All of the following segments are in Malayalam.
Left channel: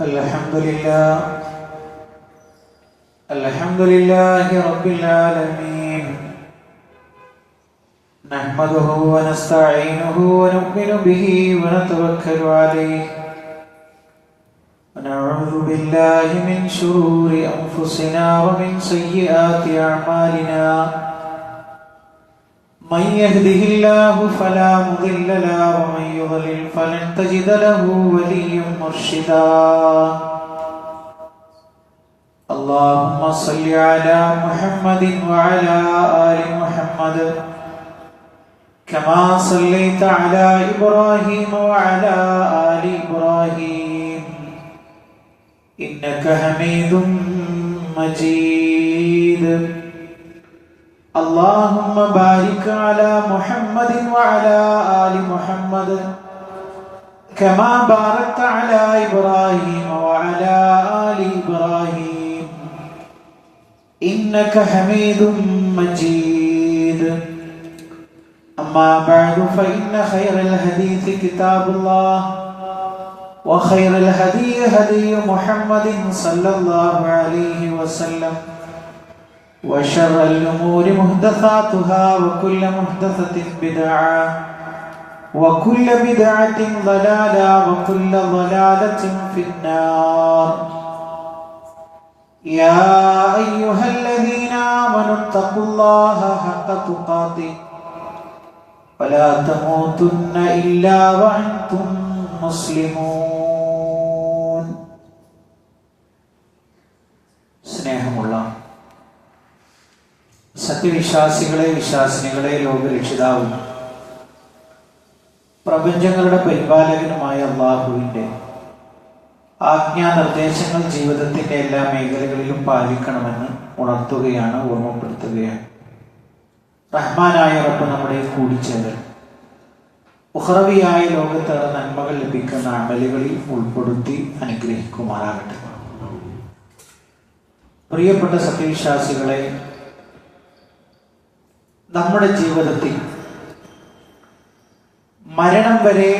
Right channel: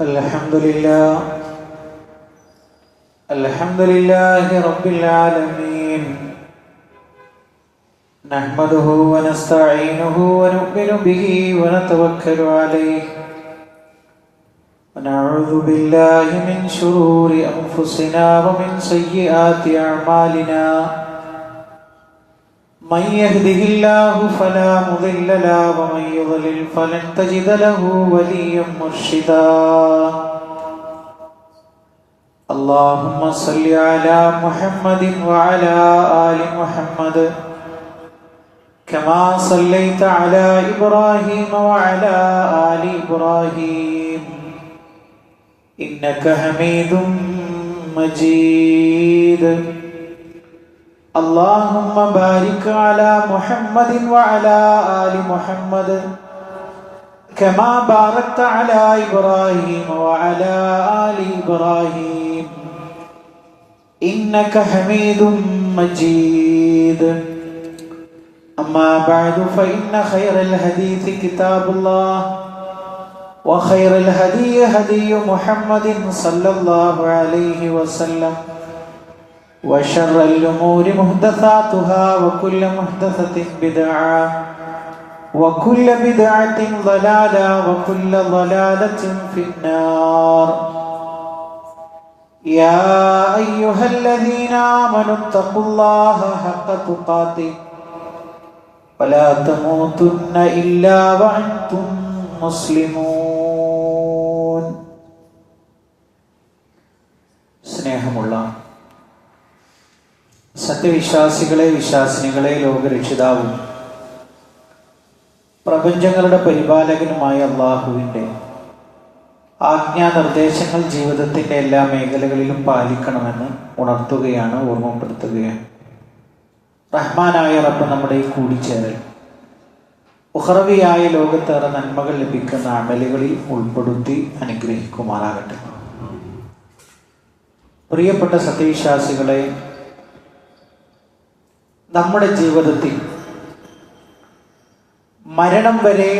الحمد لله رب العالمين نحمده ونستعينه ونؤمن به ونتوكل عليه ونعوذ بالله من شرور أنفسنا ومن سيئات أعمالنا من يهده الله فلا مضل له ومن يضلل فلن تجد له وليا مرشدا اللهم صل على محمد وعلى آل محمد كما صليت على إبراهيم وعلى آل إبراهيم إنك حميد مجيد اللهم بارك على محمد وعلى آل محمد كما باركت على إبراهيم وعلى آل إبراهيم إنك حميد مجيد أما بعد فإن خير الحديث كتاب الله وخير الهدي هدي محمد صلى الله عليه وسلم وشر الأمور محدثاتها وكل محدثة بدعة وكل بدعة ضلالة وكل ضلالة في النار يا أيها الذين آمنوا اتقوا الله حق تقاته ولا تموتن إلا وأنتم مسلمون സ്നേഹമുള്ള സത്യവിശ്വാസികളെ വിശ്വാസിനികളെ ലോകരക്ഷിതാവും പ്രപഞ്ചങ്ങളുടെ പരിപാലകനുമായ അല്ലാഹുവിന്റെ ആജ്ഞാനിർദ്ദേശങ്ങൾ ജീവിതത്തിന്റെ എല്ലാ മേഖലകളിലും പാലിക്കണമെന്ന് ഉണർത്തുകയാണ്, ഓർമ്മപ്പെടുത്തുകയാണ്. റഹ്മാനായ റബ്ബ് നമ്മുടെ കൂടിച്ചേരൽ ഉഖറവിയായ ലോകത്തേറെ നന്മകൾ ലഭിക്കുന്ന അമലുകളിൽ ഉൾപ്പെടുത്തി അനുഗ്രഹിക്കുമാറാകട്ടെ. പ്രിയപ്പെട്ട സത്യവിശ്വാസികളെ, നമ്മുടെ ജീവിതത്തിൽ മരണം വരെ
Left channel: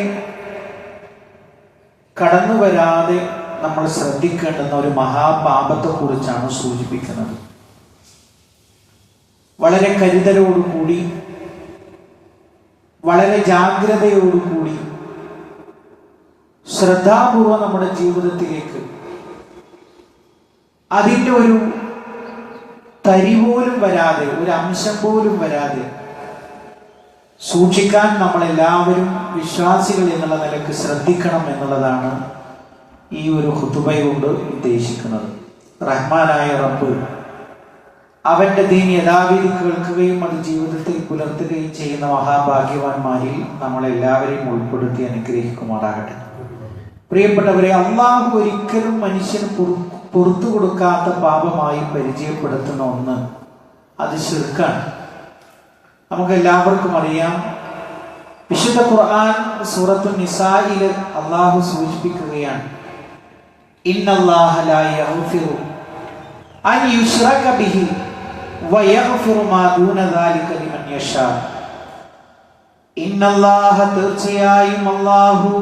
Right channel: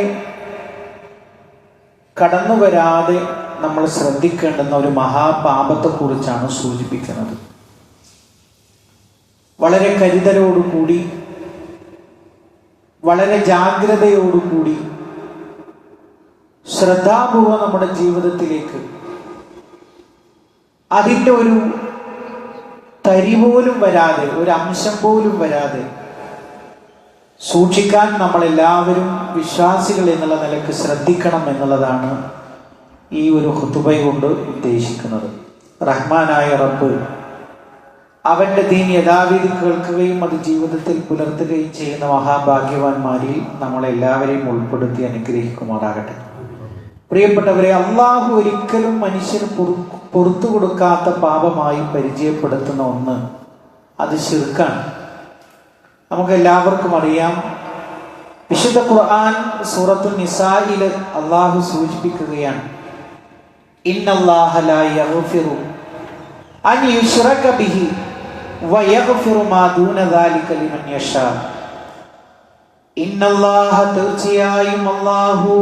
കടന്നു വരാതെ നമ്മൾ ശ്രദ്ധിക്കേണ്ടുന്ന ഒരു മഹാപാപത്തെക്കുറിച്ചാണ് സൂചിപ്പിക്കുന്നത്. വളരെ കരുതലോടുകൂടി, വളരെ ജാഗ്രതയോടുകൂടി, ശ്രദ്ധാപൂർവം നമ്മുടെ ജീവിതത്തിലേക്ക് അതിൻ്റെ ഒരു തരി പോലും വരാതെ, ഒരു അംശം പോലും വരാതെ സൂക്ഷിക്കാൻ നമ്മളെല്ലാവരും വിശ്വാസികൾ എന്നുള്ള നിലക്ക് ശ്രദ്ധിക്കണം എന്നുള്ളതാണ് ഈ ഒരു ഖുതുബ കൊണ്ട് ഉദ്ദേശിക്കുന്നത്. റഹ്മാനായ റബ്ബ് അവന്റെ ദീൻ യഥാവിധി കേൾക്കുകയും അത് ജീവിതത്തിൽ പുലർത്തുകയും ചെയ്യുന്ന മഹാഭാഗ്യവാന്മാരിൽ നമ്മളെല്ലാവരെയും ഉൾപ്പെടുത്തി അനുഗ്രഹിക്കുമാറാകട്ടെ. പ്രിയപ്പെട്ടവരെ, അള്ളാഹു ഒരിക്കലും മനുഷ്യന് പുറത്തു കൊടുക്കാത്ത പാപമായി പരിചയപ്പെടുത്തുന്ന ഒന്ന് അത് ശിർക്കാണ്. നമുക്ക് എല്ലാവർക്കും അറിയാം, വിശുദ്ധ ഖുർആൻ സൂറത്തുൻ നിസാഇൽ അള്ളാഹു സൂചിപ്പിക്കുകയാണ്, ഇന്നല്ലാഹ ലാ യഗ്ഫിറു അൻ യുശ്റക ബിഹി വയഗ്ഫിറു മാ ദൂന ദാലിക ലിമൻ യശാ. ഇന്നല്ലാഹ തീർച്ചയായും അല്ലാഹു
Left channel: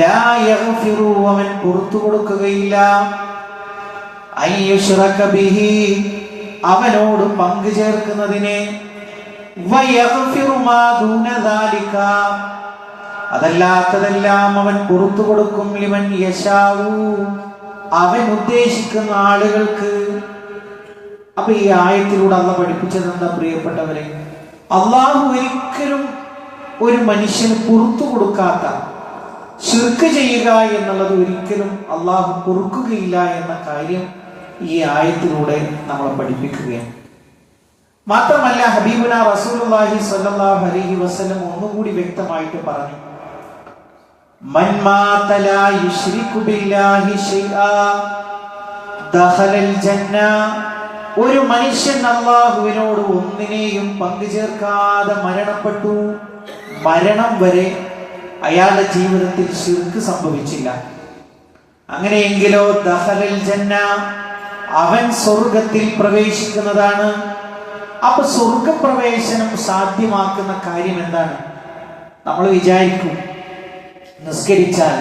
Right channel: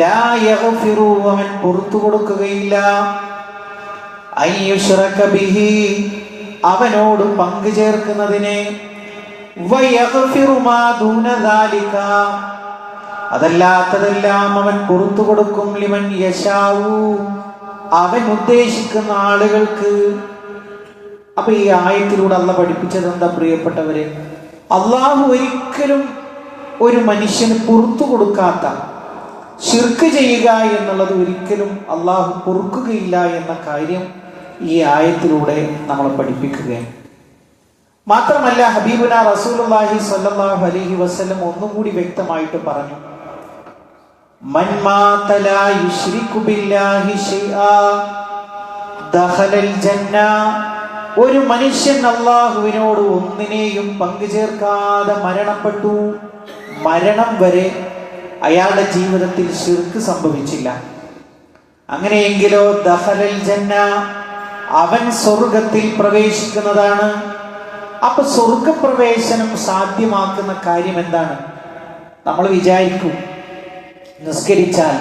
ലാ യഗ്ഫിറു അവൻ പുറത്തു കൊടുക്കുകയില്ല, അൻ യുശ്റക ബിഹി അവനോട് പങ്കു ചേർക്കുന്നതിനെ, വയഗ്ഫിറു മാ ദൂന ദാലിക അതല്ലാത്തതെല്ലാം അവൻ പുറത്തു കൊടുക്കും, ലിമൻ യശാഉ അവൻ ഉദ്ദേശിക്കുന്ന ആളുകൾക്ക്. അപ്പൊ ഈ ആയത്തിലൂടെ അള്ളാഹ് പഠിപ്പിച്ചത് എന്താ പ്രിയപ്പെട്ടവരെ? അള്ളാഹു ഒരിക്കലും ഒരു മനുഷ്യന് പുറത്തു കൊടുക്കാത്ത ശിർക്ക് ചെയ്യുക എന്നുള്ളത് ഒരിക്കലും അള്ളാഹു പൊറുക്കുകയില്ല എന്ന കാര്യം ഈ ആയത്തിലൂടെ നമ്മളെ പഠിപ്പിക്കുകയാണ്. മാത്രമല്ല, ഹബീബുന റസൂലുള്ളാഹി സ്വല്ലല്ലാഹു അലൈഹി വസല്ലം ഒന്നുകൂടി വ്യക്തമായിട്ട് പറഞ്ഞു, മൻ മാത ലാ യുശ്രികു ബില്ലാഹി ശൈആ ദഖലൽ ജന്ന. ഒരു മനുഷ്യൻ അല്ലാഹുവിനോട് ഒന്നിനെയും പങ്കു ചേർക്കാതെ മരണപ്പെട്ടു, മരണം വരെ അയാളുടെ ജീവിതത്തിൽ ശിർക്ക് സംഭവിച്ചില്ല, അങ്ങനെയെങ്കിലോ ദഖലൽ ജന്ന അവൻ സ്വർഗത്തിൽ പ്രവേശിക്കുന്നതാണ്. അപ്പൊ സ്വർഗപ്രവേശനം സാധ്യമാക്കുന്ന കാര്യം എന്താണ്? നമ്മൾ വിചാരിക്കും നിസ്കരിച്ചാൽ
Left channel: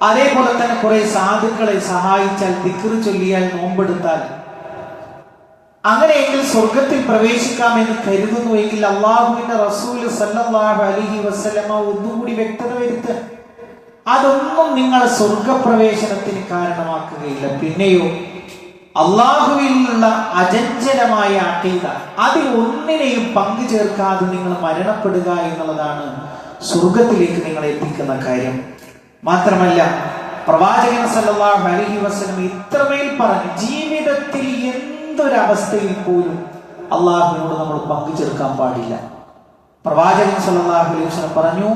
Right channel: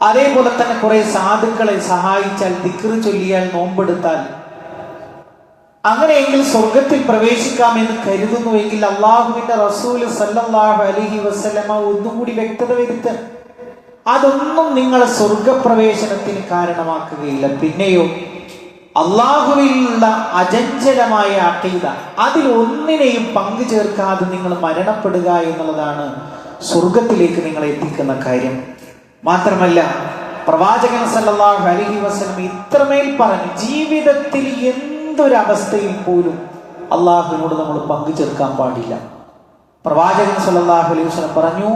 അതേപോലെ തന്നെ കുറെ സാധുക്കളെ സഹായിച്ചാൽ, ദിക്ർ ചൊല്ലിയാൽ, നോമ്പെടുത്താൽ, അങ്ങനെയെങ്കിൽ സ്വർഗത്തിൽ പ്രവേശിക്കാമെന്ന് കരുതുന്നുവെങ്കിൽ അള്ളാഹുവിന്റെ റസൂല് സല്ലല്ലാഹു അലൈഹി വസല്ലമ ഒന്നും കൂടി വ്യക്തത വരുത്തുക. അതൊന്നും നിങ്ങൾ സ്വർഗപ്രവേശനത്തിന് കാരണമാക്കുകയില്ല. പിന്നെയോ അള്ളാഹുവിലുള്ള അചഞ്ചലമായ അഖീദ, അതിൽ ഒന്നിനെയും പങ്കു ചേർക്കാതെ നിങ്ങൾ മരണപ്പെടുക എന്നുള്ളതാണ് സ്വർഗത്തിലേക്ക് നിങ്ങളെ എത്തിക്കുന്ന കാര്യം. മാത്രമല്ല പ്രവാചകൻ സല്ലല്ലാഹു അലൈഹി വസല്ലം ഇത്രമേൽ പറഞ്ഞു, ജീവിതത്തിൽ എന്തൊരവസ്ഥയിൽ പോലും അള്ളാഹുവിനോട് നമ്മൾ പങ്കു ചേർക്കാൻ പാടില്ല. പ്രവാചകൻ സല്ലല്ലാഹു അലൈഹി വസല്ലം പറഞ്ഞു,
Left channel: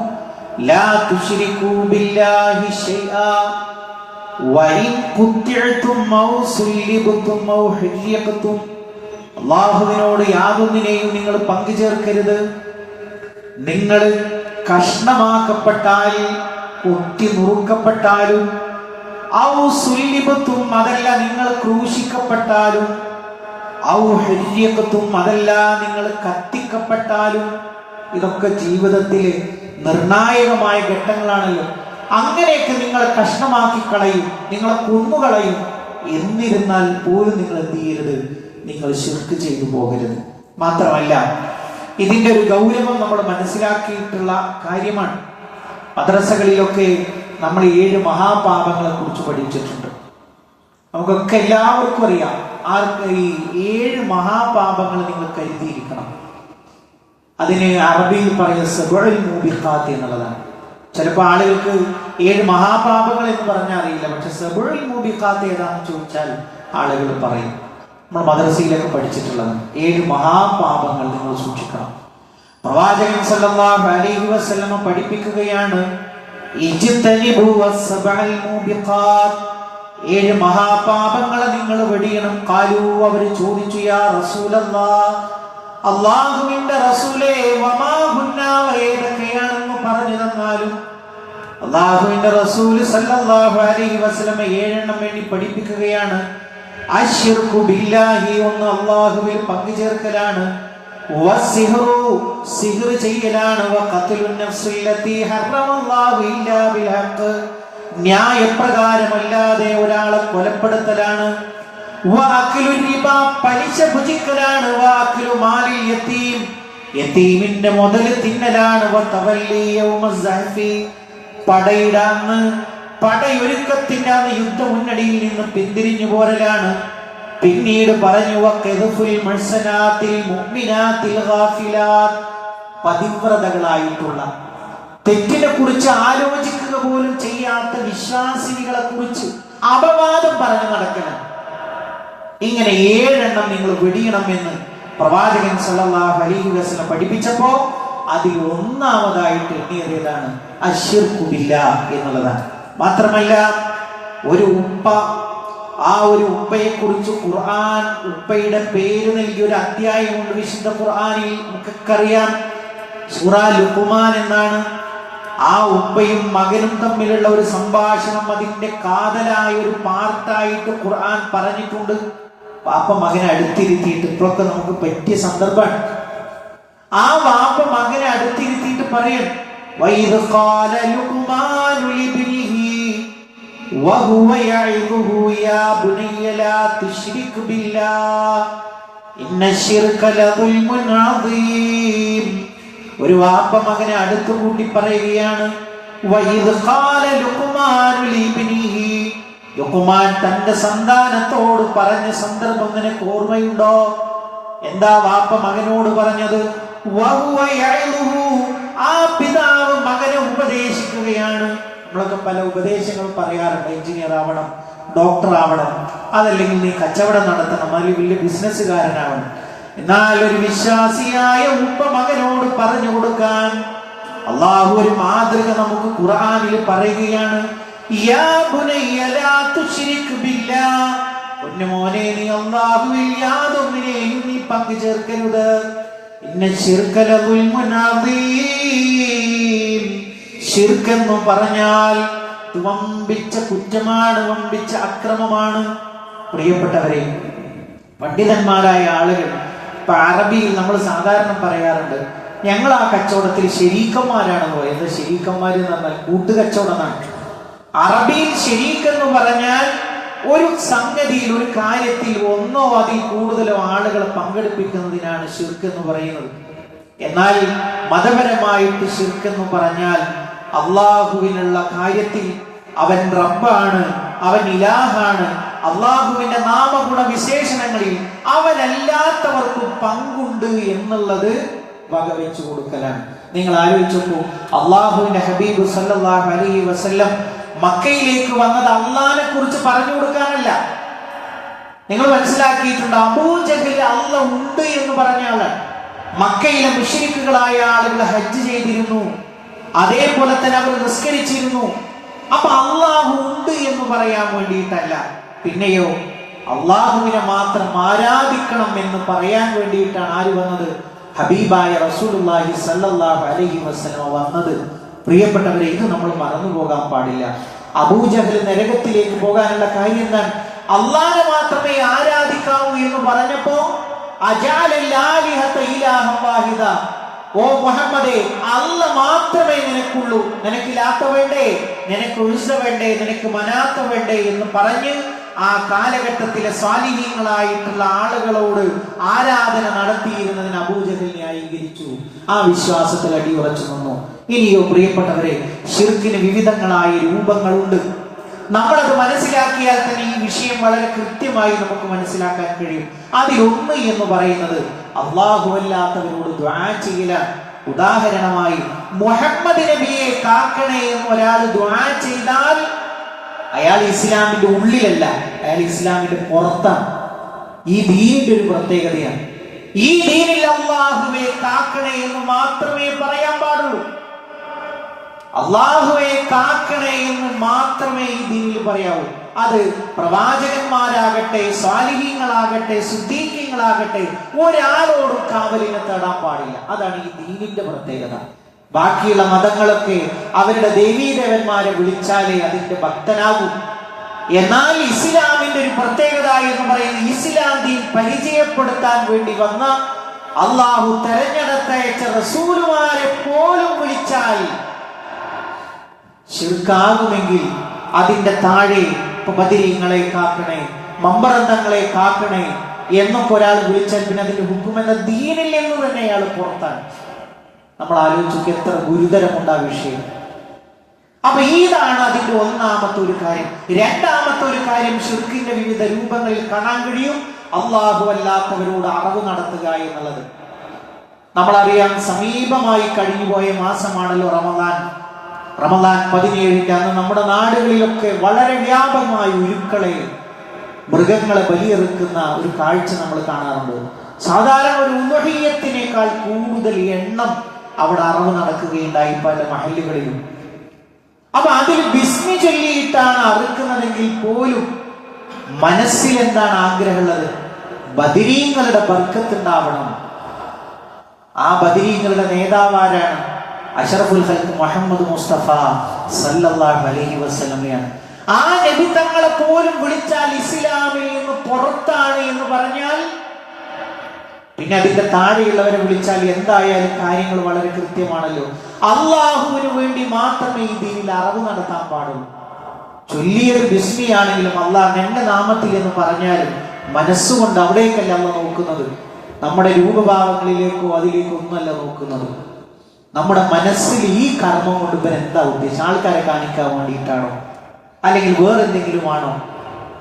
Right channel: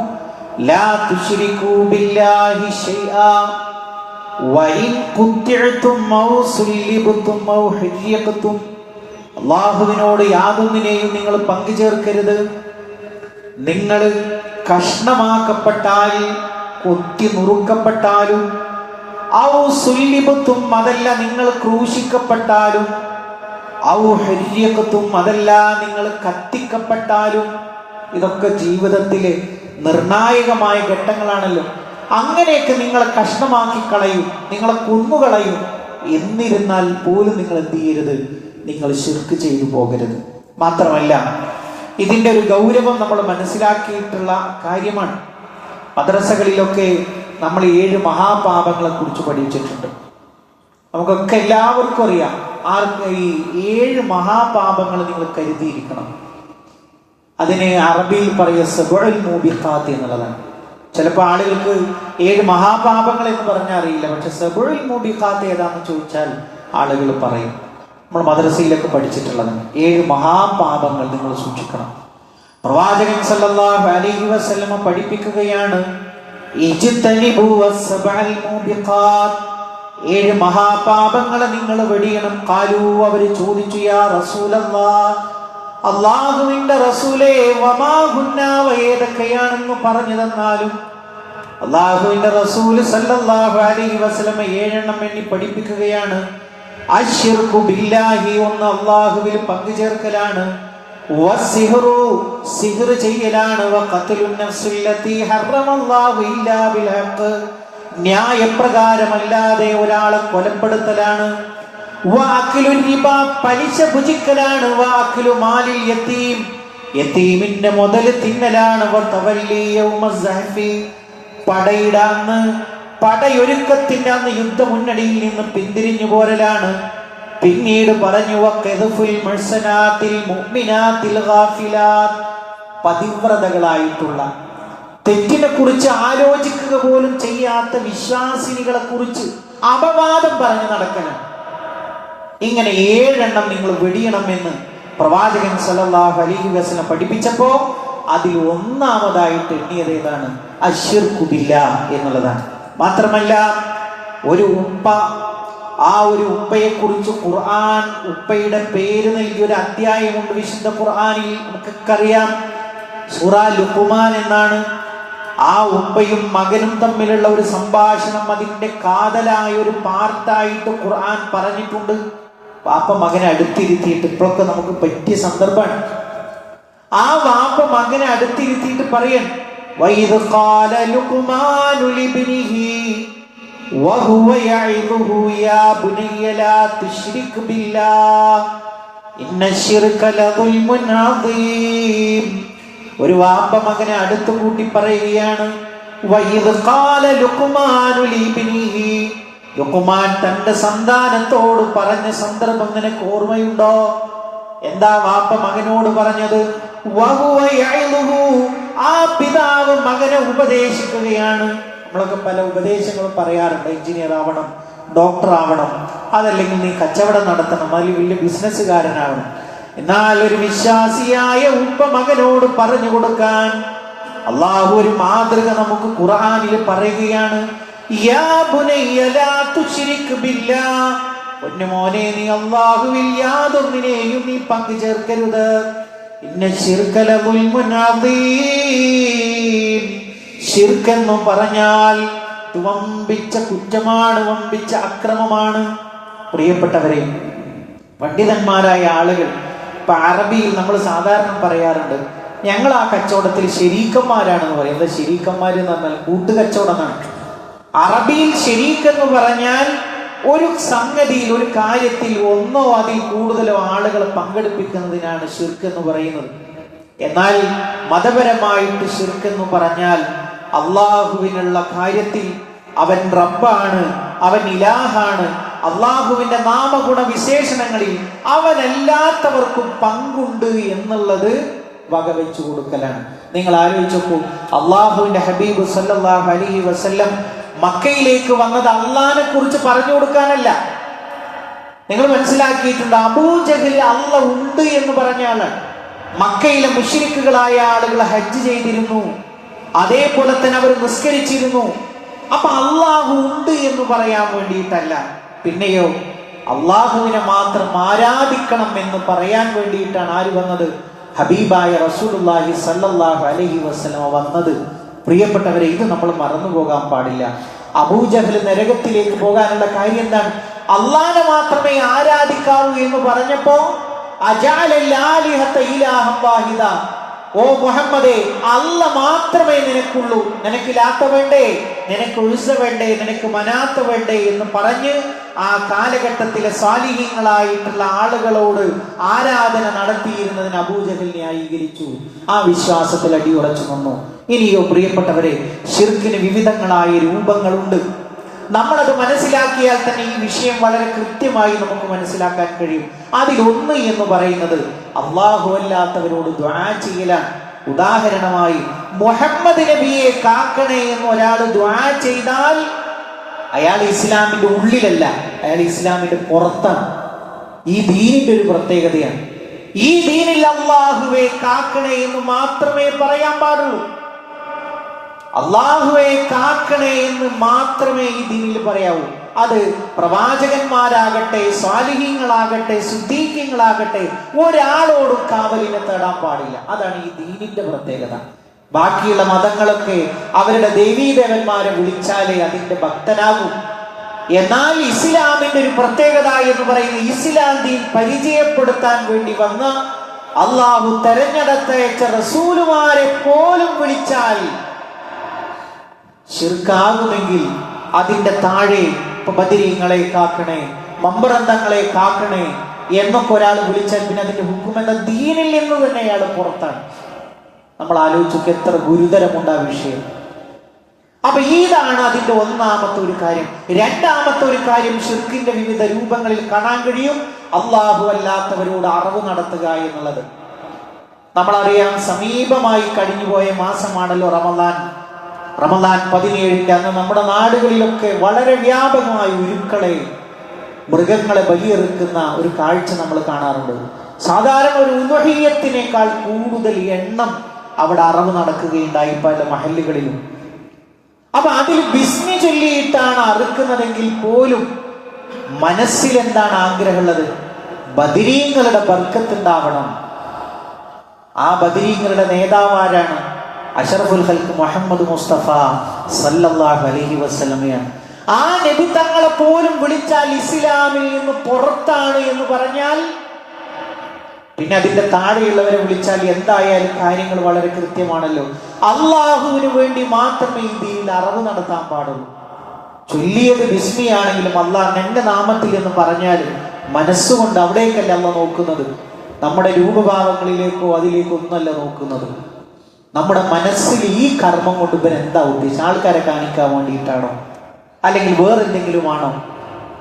ലാ തുശ്രികൂ ബില്ലാഹി ശൈആ വഇൻ ഖുത്തിഅതും ഔ സുല്ലിബതും ഔ ഹുരിയഖതും. അള്ളാഹുവിനോട് യാതൊന്നിനെയും നിങ്ങൾ പങ്കു ചേർക്കരുത്. നിങ്ങൾ കഷ്ണമാക്കപ്പെട്ടാൽ, കൊത്തി നുറുക്കപ്പെട്ടാലും, ഔ സുല്ലിബത്തും അതല്ല നിങ്ങൾ ക്രൂശിക്കപ്പെട്ടാലും, ഔ ഹുരിയഖതും അതല്ല നിങ്ങൾ കത്തിക്കപ്പെട്ടാലും, ഇതൊക്കെ ജീവിതത്തിലെ നിർണായകമായ ഘട്ടങ്ങളാണല്ലോ. അങ്ങനെയൊക്കെ നിങ്ങൾ കഷ്ണമാക്കി കളയും, നിങ്ങളെ കൊന്നുകളയും. എന്നിരുന്നാൽ പോലും നിങ്ങൾ എന്ത് ചെയ്യരുത്, നിങ്ങൾ ശിർക്ക് ചെയ്തു പോകരുത്. മാത്രമല്ല ഇതിന്റെ ഒരു ഗൗരവം നമ്മൾ മനസ്സിലാക്കിയിട്ടുള്ള കാര്യമാണ്. മദ്രസകളിലൊക്കെ നമ്മൾ 7 മഹാപാപങ്ങളെ കുറിച്ച് പഠിച്ചിട്ടുണ്ട്. നമുക്കൊക്കെ എല്ലാവർക്കും അറിയാം. ഈ 7 മഹാപാപങ്ങൾ നിങ്ങൾ കരുതിയിരിക്കണം. അതിന് അറബിയിൽ പറയുക സബഉൽ മൂബിഖാത്ത് എന്നുള്ളതാണ്. ചിലപ്പോൾ ആളുകൾക്ക് 7 മഹാപാപങ്ങൾ എന്ന് പറഞ്ഞാൽ അറിയില്ല. പക്ഷെ സബഉൽ മൂബിഖാത്ത് ഏതാണെന്ന് ചോദിച്ചാൽ ആളുകൾ പറയും. നമ്മൾ മദ്രസയിലൊക്കെ പഠിച്ചിട്ടുള്ളത് 7 മഹാപാപങ്ങൾ നിങ്ങൾ സൂക്ഷിക്കണം. പ്രവാചകൻ സല്ലല്ലാഹു അലൈഹി വസല്ലം പഠിപ്പിക്കുകയാണ്, ഇജ്തനിബു വസ്സബഅൽ മൂബിഖാത്ത്, 7 മഹാപാപങ്ങളെ നിങ്ങൾ വെടിയണം. ഖാലൂ, അവർ ചോദിച്ചു, യാ റസൂലല്ലാഹ്, അല്ലാഹുവിന്റെ റസൂലേ, വമാ ഹുന്ന, ഏതൊക്കെയാണെന്ന് പറഞ്ഞു തന്നാലും. അല്ലാഹുവിന്റെ റസൂൽ സല്ലല്ലാഹു അലൈഹി വസല്ലം 7 വേണ്ടി പഠിപ്പിക്കുകയാണ്. അശ്ശിർകു ബില്ലാഹി, ഒന്ന് അല്ലാഹുവിൽ പങ്കു ചേർക്കലാണ്. വസ്സിഹ്റു, സിഹ്ർ ചെയ്യലാണ്. വഖത്ലുൻ നഫ്സില്ലതി ഹറമല്ലാഹു ഇല്ലാ ബിൽ ഹഖ്, ന്യായപ്രകാരമല്ലാതെ ഒരാളെ കൊലപ്പെടുത്തലാണ്. വഅക്ലു റിബ, പലിശ ഭുജിക്കലാണ്. വഅക്ലു മാലിൽ യതീം, യതീമിന്റെ മുതൽ തിന്നലാണ്. വതവല്ലി യൗമസ് സഹഫി, പടയുടെ അന്ന്, പടയൊരുക്കത്തിന്റെ അന്ന് യുദ്ധമുന്നണിയിൽ നിന്ന് പിന്തിരിഞ്ഞു പോരലാണ്. പിന്നീട് പറഞ്ഞു, വഖദ്ഫുൽ മുഹ്സനാത്തിൽ മുഅ്മിനാത്തിൽ ഗാഫിലാത്ത്, പതിവ്രതകളായിട്ടുള്ള, തെറ്റിനെ കുറിച്ച് ആലോചിക്കുക പോലും ചെയ്യാത്ത വിശ്വാസിനികളെ കുറിച്ച് അപവാദം പറഞ്ഞു നടക്കണം. ഇങ്ങനെ 7 നിങ്ങൾ വെടിയണമെന്ന് പ്രവാചകൻ സല്ലല്ലാഹു അലൈഹി വസല്ലം പഠിപ്പിച്ചപ്പോ അതിൽ ഒന്നാമതായിട്ട് എണ്ണിയത് ഏതാണ്? അശ്ശിർകു ബില്ലാഹ് എന്നുള്ളതാണ്. മാത്രമല്ല ഒരു ഉപ്പ, ആ ഒരു ഉപ്പയെ കുറിച്ച് ഖുർആൻ ഉപ്പയുടെ പേര് നൽകിയ ഒരു അധ്യായമുണ്ട് വിശുദ്ധ ഖുർആനിൽ. നമുക്കൊക്കെ അറിയാം, സൂറ ലുഖ്മാൻ എന്നാണ്. ആ ഉപ്പയും മകനും തമ്മിലുള്ള ഒരു സംഭാഷണം, അതിന്റെ കാതലായ ഒരു പാർട്ടായിട്ട് ഖുർആൻ പറഞ്ഞിട്ടുണ്ട്. വാപ്പ മകനെ അടുത്തിരുത്തിയിട്ട്, ഇപ്പോഴൊക്കെ നമുക്ക് പറ്റിയ സന്ദർഭമാണ്. ആ വാപ്പ മകനെ അടുത്തിരുത്തിയിട്ട് പറയൻ, വഇദ് ഖാല ലുഖ്മാനു ലിബ്നിഹി വഹുവ യഇദുഹു യാ ബുനയ്യ ലാ തുശ്രിക് ബില്ലാഹ് ഇന്നശ്ശിർക ലദുൽമുൻ അദീം. ഒരു വാപ്പ മകനെ അടുത്തു കൂട്ടി പറയുകയാണ്, വഇദ് ഖാല ലുഖ്മാനു ലിബ്നിഹി, ലുഖ്മാൻ തന്റെ സന്താനത്തോട് പറഞ്ഞ സന്ദർഭം നിനക്ക് ഓർമ്മയുണ്ടോ? എന്താ വാപ്പ മകനോട് പറഞ്ഞത്? വഹുവ യഇദുഹു, ആ പിതാവ് മകനെ ഉപദേശിക്കുകയാണ്. നമ്മളൊക്കെ പല ഉപദേശങ്ങളും പറയാറുണ്ട്. എഞ്ചിനീയർ ആവണം, ഡോക്ടർ ആവണം, അതല്ലെങ്കിൽ നീ കച്ചവടം നടത്തണം, അല്ലെങ്കിൽ വലിയ ബിസിനസ്സുകാരനാവണം. എന്നാൽ ഒരു വിശ്വാസിയായ ഉപ്പ മകനോട് പറഞ്ഞു കൊടുക്കാൻ അള്ളാഹു ഒരു മാതൃക നമുക്ക് ഖുർആനിൽ പറയുകയാണ്. യാ ബുനയ്യ ലാ തുശ്രിക് ബില്ലാഹ്, പൊന്നുമോനെ നീ അല്ലാഹുവിൽ യാതൊന്നിനെയും നീ പങ്കു ചേർക്കരുത്. ഇന്നശ്ശിർക ലദുൽമുൻ അദീം, ശിർക്ക് എന്ന് പറഞ്ഞാൽ വമ്പിച്ച കുറ്റമാണ്, വമ്പിച്ച അക്രമമാണ്. പ്രിയപ്പെട്ടവരെ, പണ്ഡിതന്മാരായ ആളുകൾ, ഇപ്പൊ അറബിയിൽ നമ്മൾ സാധാരണ പറയാറുണ്ട്, ഞങ്ങൾ ആ കച്ചവടത്തിൽ ശരീക്കന്മാരാണെന്ന് പറയും. എന്താ ശരീക്കന്മാര് എന്ന് പറഞ്ഞാൽ കൂട്ടുകച്ചവടമാണ്. അറബിയിൽ ശരീക്ക് എന്ന് പറഞ്ഞാൽ ഒരു സംഗതിയിൽ, ഒരു കാര്യത്തിൽ ഒന്നോ അതിൽ കൂടുതലോ ആളുകൾ പങ്കെടുപ്പിക്കുന്നതിനാണ് ശിർക്ക് എന്ന് പറയുന്നത്. എന്നാൽ മതപരമായിട്ട് ശിർക്ക് എന്ന് പറഞ്ഞാൽ അള്ളാഹുവിനുള്ള കാര്യത്തിൽ അവൻ റബ്ബാണ്, അവൻ ഇലാഹാണ്, അള്ളാഹുവിന്റെ നാമഗുണ വിശേഷണങ്ങളിൽ അവനല്ലാത്തവർക്കും പങ്കുണ്ട് എന്നുള്ളത് വകവെച്ചു കൊടുക്കലാണ്. നിങ്ങൾ ആലോചിച്ചപ്പോ അള്ളാഹുവിന്റെ ഹബീബ് സല്ലല്ലാഹു അലൈഹി വസല്ലം മക്കയിലേക്ക് വന്നത് അള്ളാഹിനെ കുറിച്ച് പറഞ്ഞു കൊടുക്കാനല്ല. നിങ്ങൾ മനസ്സിലാക്കിയിട്ടുണ്ട്, അബൂജഹൽ അള്ള ഉണ്ട് എന്ന് പറഞ്ഞ ആളാണ്. മക്കയിലെ മുശ്രിക്കുകളായ ആളുകൾ ഹജ്ജ് ചെയ്തിരുന്നു, അതേപോലെ തന്നെ അവർ നിസ്കരിച്ചിരുന്നു. അപ്പൊ അള്ളാഹു ഉണ്ട് എന്ന് പറയാൻ വേണ്ടിയിട്ടല്ല, പിന്നെയോ അള്ളാഹുവിനെ മാത്രം ആരാധിക്കണം എന്ന് പറയാൻ വേണ്ടിയിട്ടാണ് ആര് വന്നത്? ഹബീബായ റസൂലുള്ളാഹി സ്വല്ലല്ലാഹു അലൈഹി വസല്ലം വന്നത്. പ്രിയപ്പെട്ടവരെ, ഇത് നമ്മൾ മറന്നു പോകാൻ പാടില്ല. അബൂജഹൽ നരകത്തിലേക്ക് പോകാനുള്ള കാര്യം എന്താണ്? അള്ളാഹനെ മാത്രമേ ആരാധിക്കാവൂ എന്ന് പറഞ്ഞപ്പോ അജഅലൽ ആലിഹത ഇലാഹൻ വാഹിദ, ഓ മുഹമ്മദേ, അല്ല മാത്രമേ നിനക്കുള്ളൂ, നിനക്ക് ലാത്ത വേണ്ടേ, നിനക്ക് ഉസ്സ വേണ്ടേ, നിനക്ക് മനാത്ത വേണ്ടേ എന്ന് പറഞ്ഞ് ആ കാലഘട്ടത്തിലെ സാലിഹീങ്ങളായിട്ടുള്ള ആളുകളോട് ആരാധന നടത്തിയിരുന്നതിന് അബൂജഹൽ ന്യായീകരിച്ചു. ആ വിശ്വാസത്തിൽ അടിയുറച്ചു നിന്നു. ഇനിയോ പ്രിയപ്പെട്ടവരെ, ശിർക്കിന് വിവിധങ്ങളായ രൂപങ്ങളുണ്ട്. നമ്മളത് മനസ്സിലാക്കിയാൽ തന്നെ ഈ വിഷയം വളരെ കൃത്യമായി നമുക്ക് മനസ്സിലാക്കാൻ കഴിയും. അതിലൊന്ന് എന്ന് പറയുന്നത് അള്ളാഹു അല്ലാത്തവരോട് ദുആ ചെയ്യലാണ്. ഉദാഹരണമായി മുഹമ്മദ് നബിയെ കാക്കണേ എന്ന് ഒരാൾ ദുആ ചെയ്താൽ അയാൾ ഇസ്ലാമിന്റെ ഉള്ളിലല്ല, അയാൾ ഇസ്ലാമിന്റെ പുറത്താണ്. ഈ ദീനിന്റെ ഒരു പ്രത്യേകതയാണ്. ഈ ദീനിൽ അള്ളാഹുവെ കാക്കണേ എന്ന് മാത്രമേ പറയാൻ പാടുള്ളൂ. അള്ളാഹുവെ കാക്കണേ എന്ന് മാത്രമേ ഈ ദീനിൽ പറയാവൂ. അത് പ്രവാചകന്മാരാകട്ടെ, സ്വാലിഹീങ്ങളാകട്ടെ, സിദ്ദീഖീങ്ങളാകട്ടെ, ഒരാളോടും കാവലിനെ തേടാൻ പാടില്ല. അതാണ് ഈ ദീനിന്റെ പ്രത്യേകത. ബാക്കിയുള്ള മതങ്ങളൊക്കെ അവരുടെ ദേവീദേവന്മാരെ വിളിച്ചാലേ അതിന്റെ ഭക്തനാകും. എന്നാൽ ഇസ്ലാമിന്റെ ഒരു പ്രത്യേകത എന്ന് പറയുന്നത്, ഇസ്ലാം ദീൻ പരിചയപ്പെടുത്താൻ വേണ്ടി വന്ന അള്ളാഹു തെരഞ്ഞെടുത്തയച്ച റസൂലുമാരെ പോലും വിളിച്ചാൽ ശിർക്കാകുമെങ്കിൽ അതിന്റെ താഴെ ബദരീങ്ങളെ കാക്കണേ, മമ്പറന്തങ്ങളെ കാക്കണേ എന്നൊക്കെ ഒരാൾ വിളിച്ചാൽ പിന്നെ അതിന്റെ ഹുക്കുമെന്ന ദീനിൽ നിന്ന് തന്നെ അയാൾ പുറത്താണ്. നമ്മൾ ആലോചിച്ചു എത്ര ഗുരുതരമുണ്ട് ആ വിഷയം. അപ്പൊ ഇതാണ് അതിന്റെ ഒന്നാമത്തെ ഒരു കാര്യം. രണ്ടാമത്തെ ഒരു കാര്യം, ശിർക്കിന്റെ വിവിധ രൂപങ്ങളിൽ കാണാൻ കഴിയും അള്ളാഹു അല്ലാത്തവരോട് അറവ് നടത്തുക എന്നുള്ളത്. നമ്മളറിയാം, സമീപമായി കഴിഞ്ഞുപോയ മാസമാണല്ലോ റമദാൻ. റമദാൻ 17 അന്ന് നമ്മുടെ നാടുകളിലൊക്കെ വളരെ വ്യാപകമായി ഉരുക്കളെ, മൃഗങ്ങളെ ബലിയെറുക്കുന്ന ഒരു കാഴ്ച നമ്മൾ കാണാറുണ്ട്. സാധാരണ ഒരു ഉദ്ഹിയ്യത്തിനേക്കാൾ കൂടുതൽ എണ്ണം അവിടെ അറവ് നടക്കുകയുണ്ടായി പല മഹല്ലുകളിലും. അപ്പൊ അതിൽ ബിസ്മി ചൊല്ലിയിട്ടാണ് അറുക്കുന്നതെങ്കിൽ പോലും മനസ്സിൽ എന്താണ് ആഗ്രഹമുള്ളത്? ബദരീങ്ങളുടെ ബർക്കത്തുണ്ടാവണം. ആ ബദരീങ്ങളുടെ നേതാവാരാണ്? അഷ്റഫുൽ ഖൽഖ് മുഹമ്മദ് മുസ്തഫ സല്ലല്ലാഹു അലൈഹി വസല്ലമയാണ്. ആ നബി തങ്ങളെ പോലും വിളിച്ചാൽ ഇസ്ലാമിൽ നിന്ന് പുറത്താണ് എന്ന് പറഞ്ഞാൽ പിന്നെ അതിന്റെ താഴെയുള്ളവരെ വിളിച്ചാൽ എന്തായാലും കാര്യങ്ങൾ വളരെ കൃത്യമാണല്ലോ. അള്ളാഹുവിന് വേണ്ടി മാത്രമേ ഈ ദീനിൽ അറവ് നടത്താൻ പാടുള്ളൂ. ചൊല്ലിയത് ബിസ്മിയാണെങ്കിലും അള്ളാഹ് എന്റെ നാമത്തിൽ എന്ന് പറഞ്ഞാലും മനസ്സുകൊണ്ട് അവിടേക്കല്ല അള്ളാഹ് നോക്കുന്നത്. നമ്മുടെ രൂപഭാവങ്ങളിലേക്കോ അതിലേക്കോ ഒന്നല്ല നോക്കുന്നത്. നമ്മുടെ മനസ്സിൽ ഈ കർമ്മം കൊണ്ട് ഇവൻ എന്താ ഉദ്ദേശിച്ചത്? ആൾക്കാരെ കാണിക്കാൻ വേണ്ടിയിട്ടാണോ, അല്ലെങ്കിൽ വേറെന്തെങ്കിലും ആണോ?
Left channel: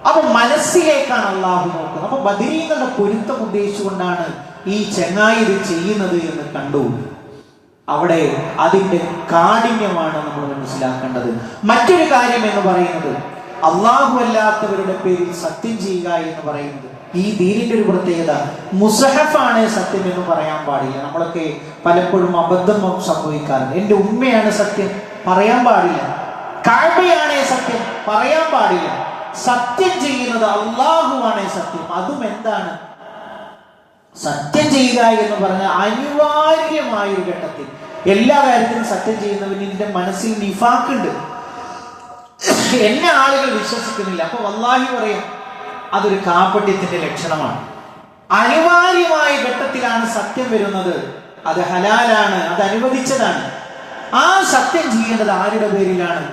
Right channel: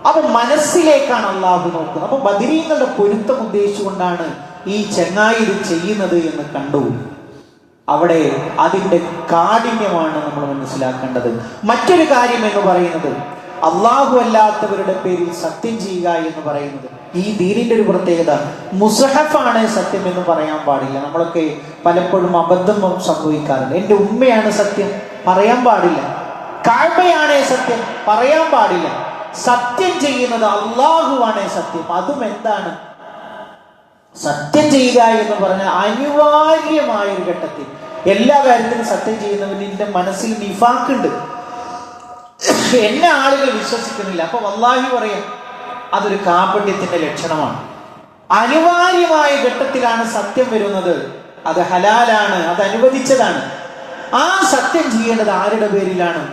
അപ്പൊ മനസ്സിലേക്കാണ് അള്ളാഹു നോക്കുന്നത്. അപ്പൊ ബദരീങ്ങളുടെ പൊരുത്തം ഉദ്ദേശിച്ചുകൊണ്ടാണ് ഈ ചെങ്ങായി ഇത് ചെയ്യുന്നത് എന്ന് കണ്ടു. അവിടെ അതിന്റെ കാഠിന്യമാണ് നമ്മൾ മനസ്സിലാക്കേണ്ടത്. മറ്റൊരു കാര്യം എന്ന് പറയുന്നത്, അള്ളാഹു അല്ലാത്തവരുടെ പേരിൽ സത്യം ചെയ്യുക എന്ന് പറയുന്നത് ഈ ദീനിന്റെ ഒരു പ്രത്യേകത. മുസഹഫാണ് സത്യം എന്ന് പറയാൻ പാടില്ല. നമ്മളൊക്കെ പലപ്പോഴും അബദ്ധം സംഭവിക്കാറുണ്ട്. എന്റെ ഉമ്മയാണ് സത്യം, പറയാൻ പാടില്ല. കഅബയാണ് സത്യം, പറയാൻ പാടില്ല. സത്യം ചെയ്യുന്നത് അള്ളാഹുവാണ് സത്യം. അതും എന്താണ്? സത്യം ചെയ്യുക എന്ന് പറഞ്ഞാൽ അനിവാര്യമായ ഒരു ഘട്ടത്തിൽ എല്ലാ കാര്യത്തിലും സത്യം ചെയ്യുന്നവന്റെ മനസ്സിൽ നിഫാഖുണ്ട്. എന്നെ ആളുകൾ വിശ്വസിക്കുന്നില്ല, അപ്പൊ വല്ലാഹി പറയാം, അതൊരു കാപട്യത്തിന്റെ ലക്ഷണമാണ്. അനിവാര്യമായ ഘട്ടത്തിലാണ് സത്യം വരുന്നത്. അത് ഹലാലാണ്, അത് അനുവദിച്ചതാണ്. ആ സത്യം ചെയ്യേണ്ടത് ആരുടെ പേരിലാണ്?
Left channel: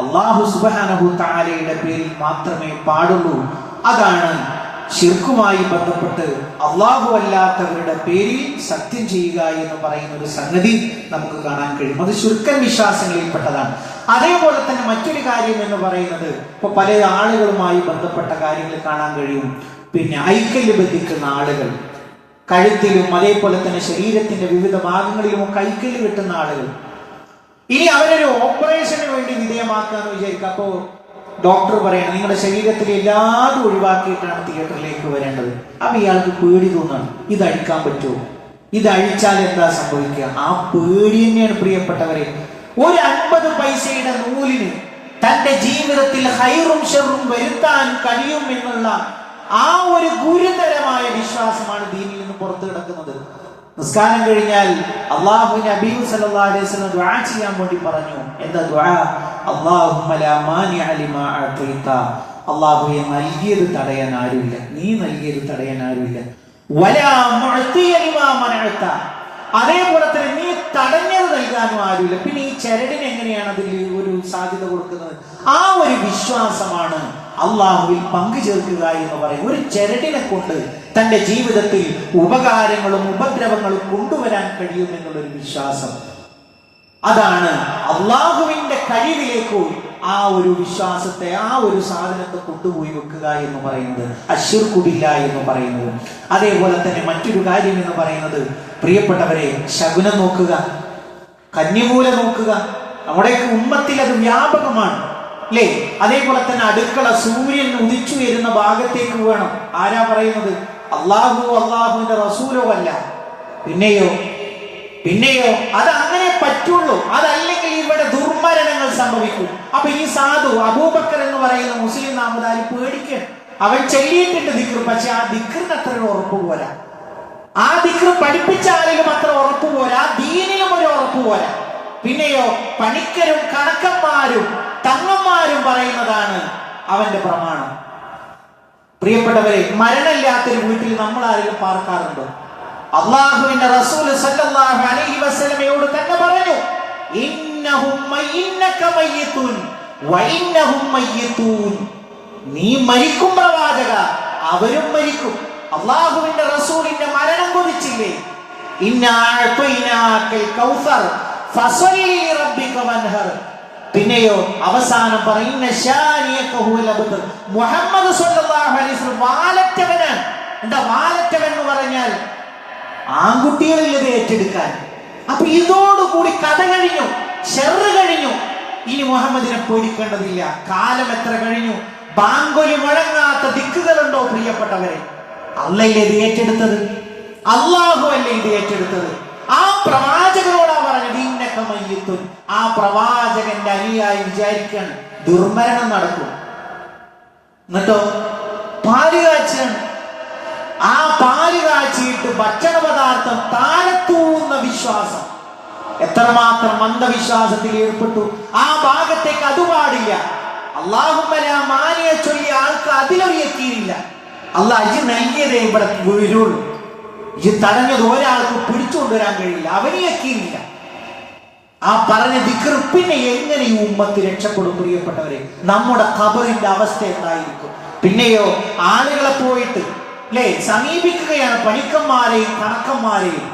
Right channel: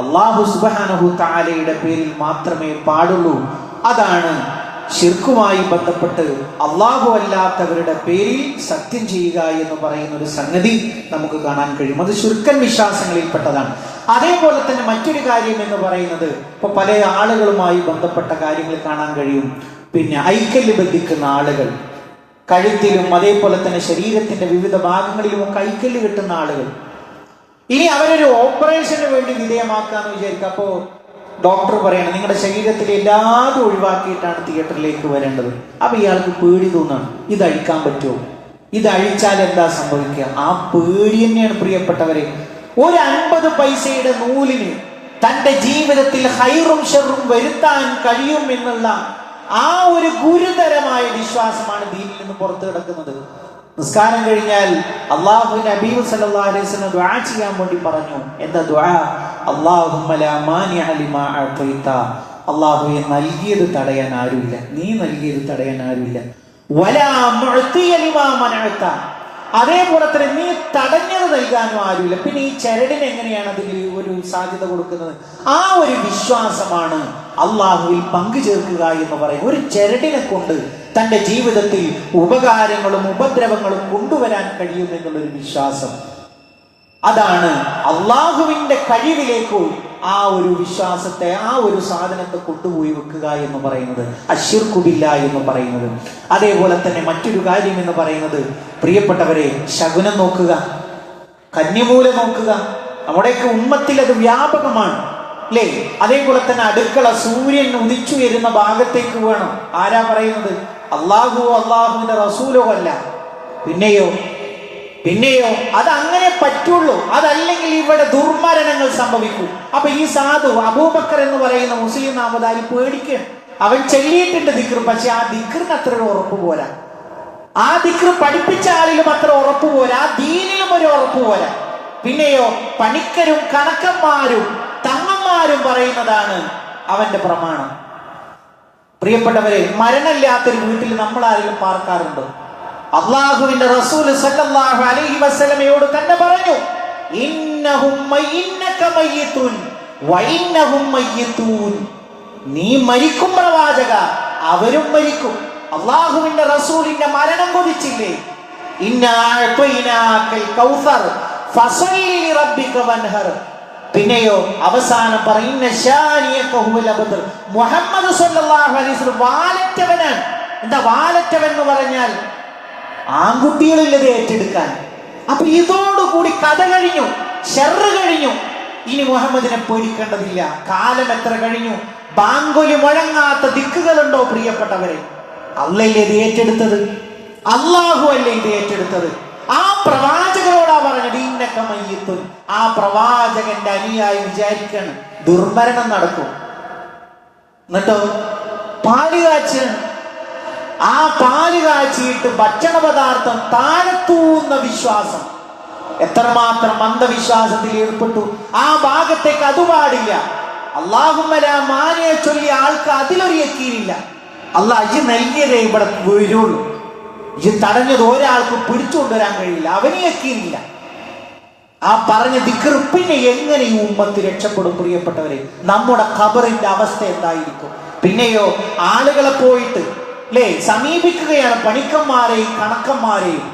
അല്ലാഹു സുബ്ഹാനഹു തആലയുടെ പേരിൽ മാത്രമേ പാടുള്ളൂ. അതാണ് ശിർക്കുമായി ബന്ധപ്പെട്ട് അല്ലാഹു അല്ലാത്തവരുടെ പേരിൽ സത്യം ചെയ്യുക എന്ന് പറയുന്ന ഒരു സംഗതി നമുക്ക് കാണാൻ കഴിയും. അത് ശിർക്കൻ വിശ്വാസങ്ങളിൽപ്പെട്ടതാണ്. അതേപോലെ തന്നെ മറ്റൊരു കാര്യം എന്ന് പറയുന്നത്, ഇപ്പൊ പല ആളുകളുമായി ബന്ധപ്പെട്ട കാര്യങ്ങൾ കാണാൻ കഴിയും. പിന്നെ ഐക്കല്ല് ബന്ധിക്കുന്ന ആളുകൾ, കഴുത്തിലും അതേപോലെ തന്നെ ശരീരത്തിന്റെ വിവിധ ഭാഗങ്ങളിലും ഐക്കല്ല് കെട്ടുന്ന ആളുകൾ. ഇനി അവരൊരു ഓപ്പറേഷന് വേണ്ടി വിധേയമാക്കാന്ന് വിചാരിക്കുക. അപ്പോ ഡോക്ടർ പറയണം നിങ്ങളുടെ ശരീരത്തിലെ എല്ലാതും ഒഴിവാക്കിയിട്ടാണ് തിയേറ്ററിലേക്ക് വരേണ്ടത്. അപ്പൊ ഇയാൾക്ക് പേടി തോന്നാണ്, ഇത് അഴിക്കാൻ പറ്റുമോ, ഇത് അഴിച്ചാൽ എന്താ സംഭവിക്കുക? ആ പേടി തന്നെയാണ് പ്രിയപ്പെട്ടവരെ ഒരു 50 പൈസയുടെ നൂലിന് തന്റെ ജീവിതത്തിൽ ഹൈറും ഷർറും വരുത്താൻ കഴിയും എന്നുള്ള ആ ഒരു ഗുരുതരമായ വിശ്വാസമാണ് ദീനിൽ നിന്ന് പുറത്തു കിടക്കുന്നത്. നിസ്കാരം കഴിഞ്ഞാൽ അല്ലാഹുവിന്റെ ഹബീബ് സല്ലല്ലാഹു അലൈഹി വസല്ലം ദുആ ചെയ്യാൻ വേണ്ടി പറഞ്ഞു. എന്താ ദുആ? അല്ലാഹുമ്മ ലാ മാനിഅ ലിമാ അഅതൈത, അല്ലാഹുവേ നൽകിയത് തടയാൻ ആരുമില്ല, നീ നൽകിയത് തടയാൻ ആരുമില്ല. വലാ മുഅതിയ ലിമാ മനഅത, അതേപോലെ തന്നെ നീ തടഞ്ഞത് നൽകാനും ആരുമില്ല. പിന്നെ ഈ ചരടിന് എങ്ങനെയാണ് അതിൽ ഒരു സാധ്യത കൊടുക്കുന്നത്? ആ ഒരു വിശ്വാസമാണ് അള്ളാഹുവിൽ പങ്കു ചേർക്കുക എന്ന് പറയും. ഒരു ചരടിനെ കൊണ്ട് തന്റെ ജീവിതത്തിൽ ഉപകാരങ്ങളും ഉപദ്രവങ്ങളും കൊണ്ടുവരാൻ കഴിയും എന്നുള്ളൊരു വിശ്വാസം. അതാണ് അള്ളാഹുവിന്റെ കഴിവിലേക്ക് ആ ഒരു വിശ്വാസത്തെ, ആ ഒരു സാധനത്തെ കൊണ്ടുപോയി വെക്കുക എന്ന് പറയുന്നത്, അശ്ശിർക്കു ബില്ലാഹ് എന്ന് പറയുന്നത്. അതേപോലെ തന്നെ മറ്റൊരു കാര്യം എന്ന് പറയുന്നത്, പ്രിയപ്പെട്ടവരെ, ശകുനം നോക്കുക, കന്യമൂല നോക്കുക. നമ്മുടെയൊക്കെ ഉമ്മത്തിൽ അത് വ്യാപകമാണ് അല്ലേ? അതേപോലെ തന്നെ അടുക്കള സൂര്യൻ ഉദിച്ചു വരുന്ന ഭാഗത്തേക്ക് വേണം. ആരാ പറയുന്നത്? അള്ളാഹുവോ അള്ളാഹുവിന്റെ റസൂലോ അല്ല. പിന്നെയോ അത് അങ്ങനെ പറ്റുള്ളൂ. അതല്ലെങ്കിൽ ഇവിടെ ദുർമരണങ്ങൾ സംഭവിക്കും. അപ്പൊ ഈ സാധു അബൂബക്കർ എന്ന് പറയുന്ന മുസ്ലിം നാമധാരി പേടിക്കണം. അവൻ ചൊല്ലിയിട്ടുണ്ട് ദിക്ർ, പക്ഷെ ആ ദിക്റിന് അത്ര ഉറപ്പ് പോരാ. ആ ദിക്ർ പഠിപ്പിച്ച ആളിലും അത്ര ഉറപ്പ് പോരാ, ദീനിലും ഒരു ഉറപ്പ് പോരാ. പിന്നെയോ പണിക്കരും കണക്കന്മാരും തങ്ങന്മാരും പറയുന്നതാണ് അവന്റെ പ്രമാണം. പ്രിയപ്പെട്ടവരെ, മരണമില്ലാത്തൊരു വീട്ടിൽ നമ്മൾ ആരെങ്കിലും പാർക്കാറുണ്ടോ? അള്ളാഹുവിന്റെ റസൂൽ സല്ലല്ലാഹു അലൈഹി വസല്ലമയോട് തന്നെ പറഞ്ഞു, ഇന്നക മയ്യിതുൻ വഇന്നഹും മയ്യിതൂൻ. നീ മരിക്കും പ്രവാചക, അവരും മരിക്കും. അള്ളാഹുവിന്റെ റസൂലിന്റെ മരണം കൊതിച്ചില്ലേ? ഇന്നാ അഅതൈനാകൽ കൗസർ ഫസല്ലി റബ്ബിക വൻഹർ. പിന്നെയോ അവസാനം പറയുന്ന ശാനിയക ഹുവൽ അബ്തർ. മുഹമ്മദ് സല്ലല്ലാഹു അലൈഹി വസല്ലം വാലറ്റവനാണ്. എന്താ വാലറ്റവൻ എന്ന് പറഞ്ഞാൽ? ആൺകുട്ടികളില്ലത് ഏറ്റെടുക്കാൻ. അപ്പൊ ഇതോടുകൂടി കഥ കഴിഞ്ഞു, ഷർറ് കഴിഞ്ഞു. ഇനി മുഹമ്മദിനെ പേടിക്കേണ്ടതില്ല. കാലം എത്ര കഴിഞ്ഞു? ബാങ്കൊലി മുഴങ്ങാത്ത ദിക്കുകളുണ്ടോ പ്രിയപ്പെട്ടവരെ? അല്ലല്ലേ ഇത് ഏറ്റെടുത്തത്? അല്ലാഹു അല്ലേ ഇത് ഏറ്റെടുത്തത്? ആ പ്രവാചകനോടാ പറഞ്ഞത് ഇന്നക മയ്യിത്തുൻ. ആ പ്രവാചകന്റെ അനുയായി വിചാരിക്കണം ദുർമരണം നടക്കും. എന്നിട്ടോ പാല് കാച്ചിലാണ്. ആ പാല് കാച്ചിയിട്ട് ഭക്ഷണ പദാർത്ഥം താഴത്തൂന്ന വിശ്വാസം എത്രമാത്രം അന്ധവിശ്വാസത്തിൽ ഏർപ്പെട്ടു. ആ ഭാഗത്തേക്ക് അത് പാടില്ല. അല്ലാഹുമ്മ ലാ മാനിയെ ചൊല്ലിയ ആൾക്ക് അതിലൊരു യക്കീനില്ല. അല്ലാഹ് ഇജ്ജ് നൽകിയതേ ഇവിടെ വീഴുള്ളൂ, ഇജ്ജ് തടഞ്ഞത് ഒരാൾക്ക് പിടിച്ചുകൊണ്ടുവരാൻ കഴിയില്ല, അവന് യക്കീനില്ല. ആ പറഞ്ഞ ദിക്ർ പിന്നെ എങ്ങനെ ഈ ഉമ്മത്ത് രക്ഷപ്പെടും? പ്രിയപ്പെട്ടവരെ, നമ്മുടെ ഖബറിന്റെ അവസ്ഥ എന്തായിരിക്കും? പിന്നെയോ ആളുകളെ പോയിട്ട് സമീപിക്കുകയാണ്, പണിക്കന്മാരെയും കണക്കന്മാരെയും.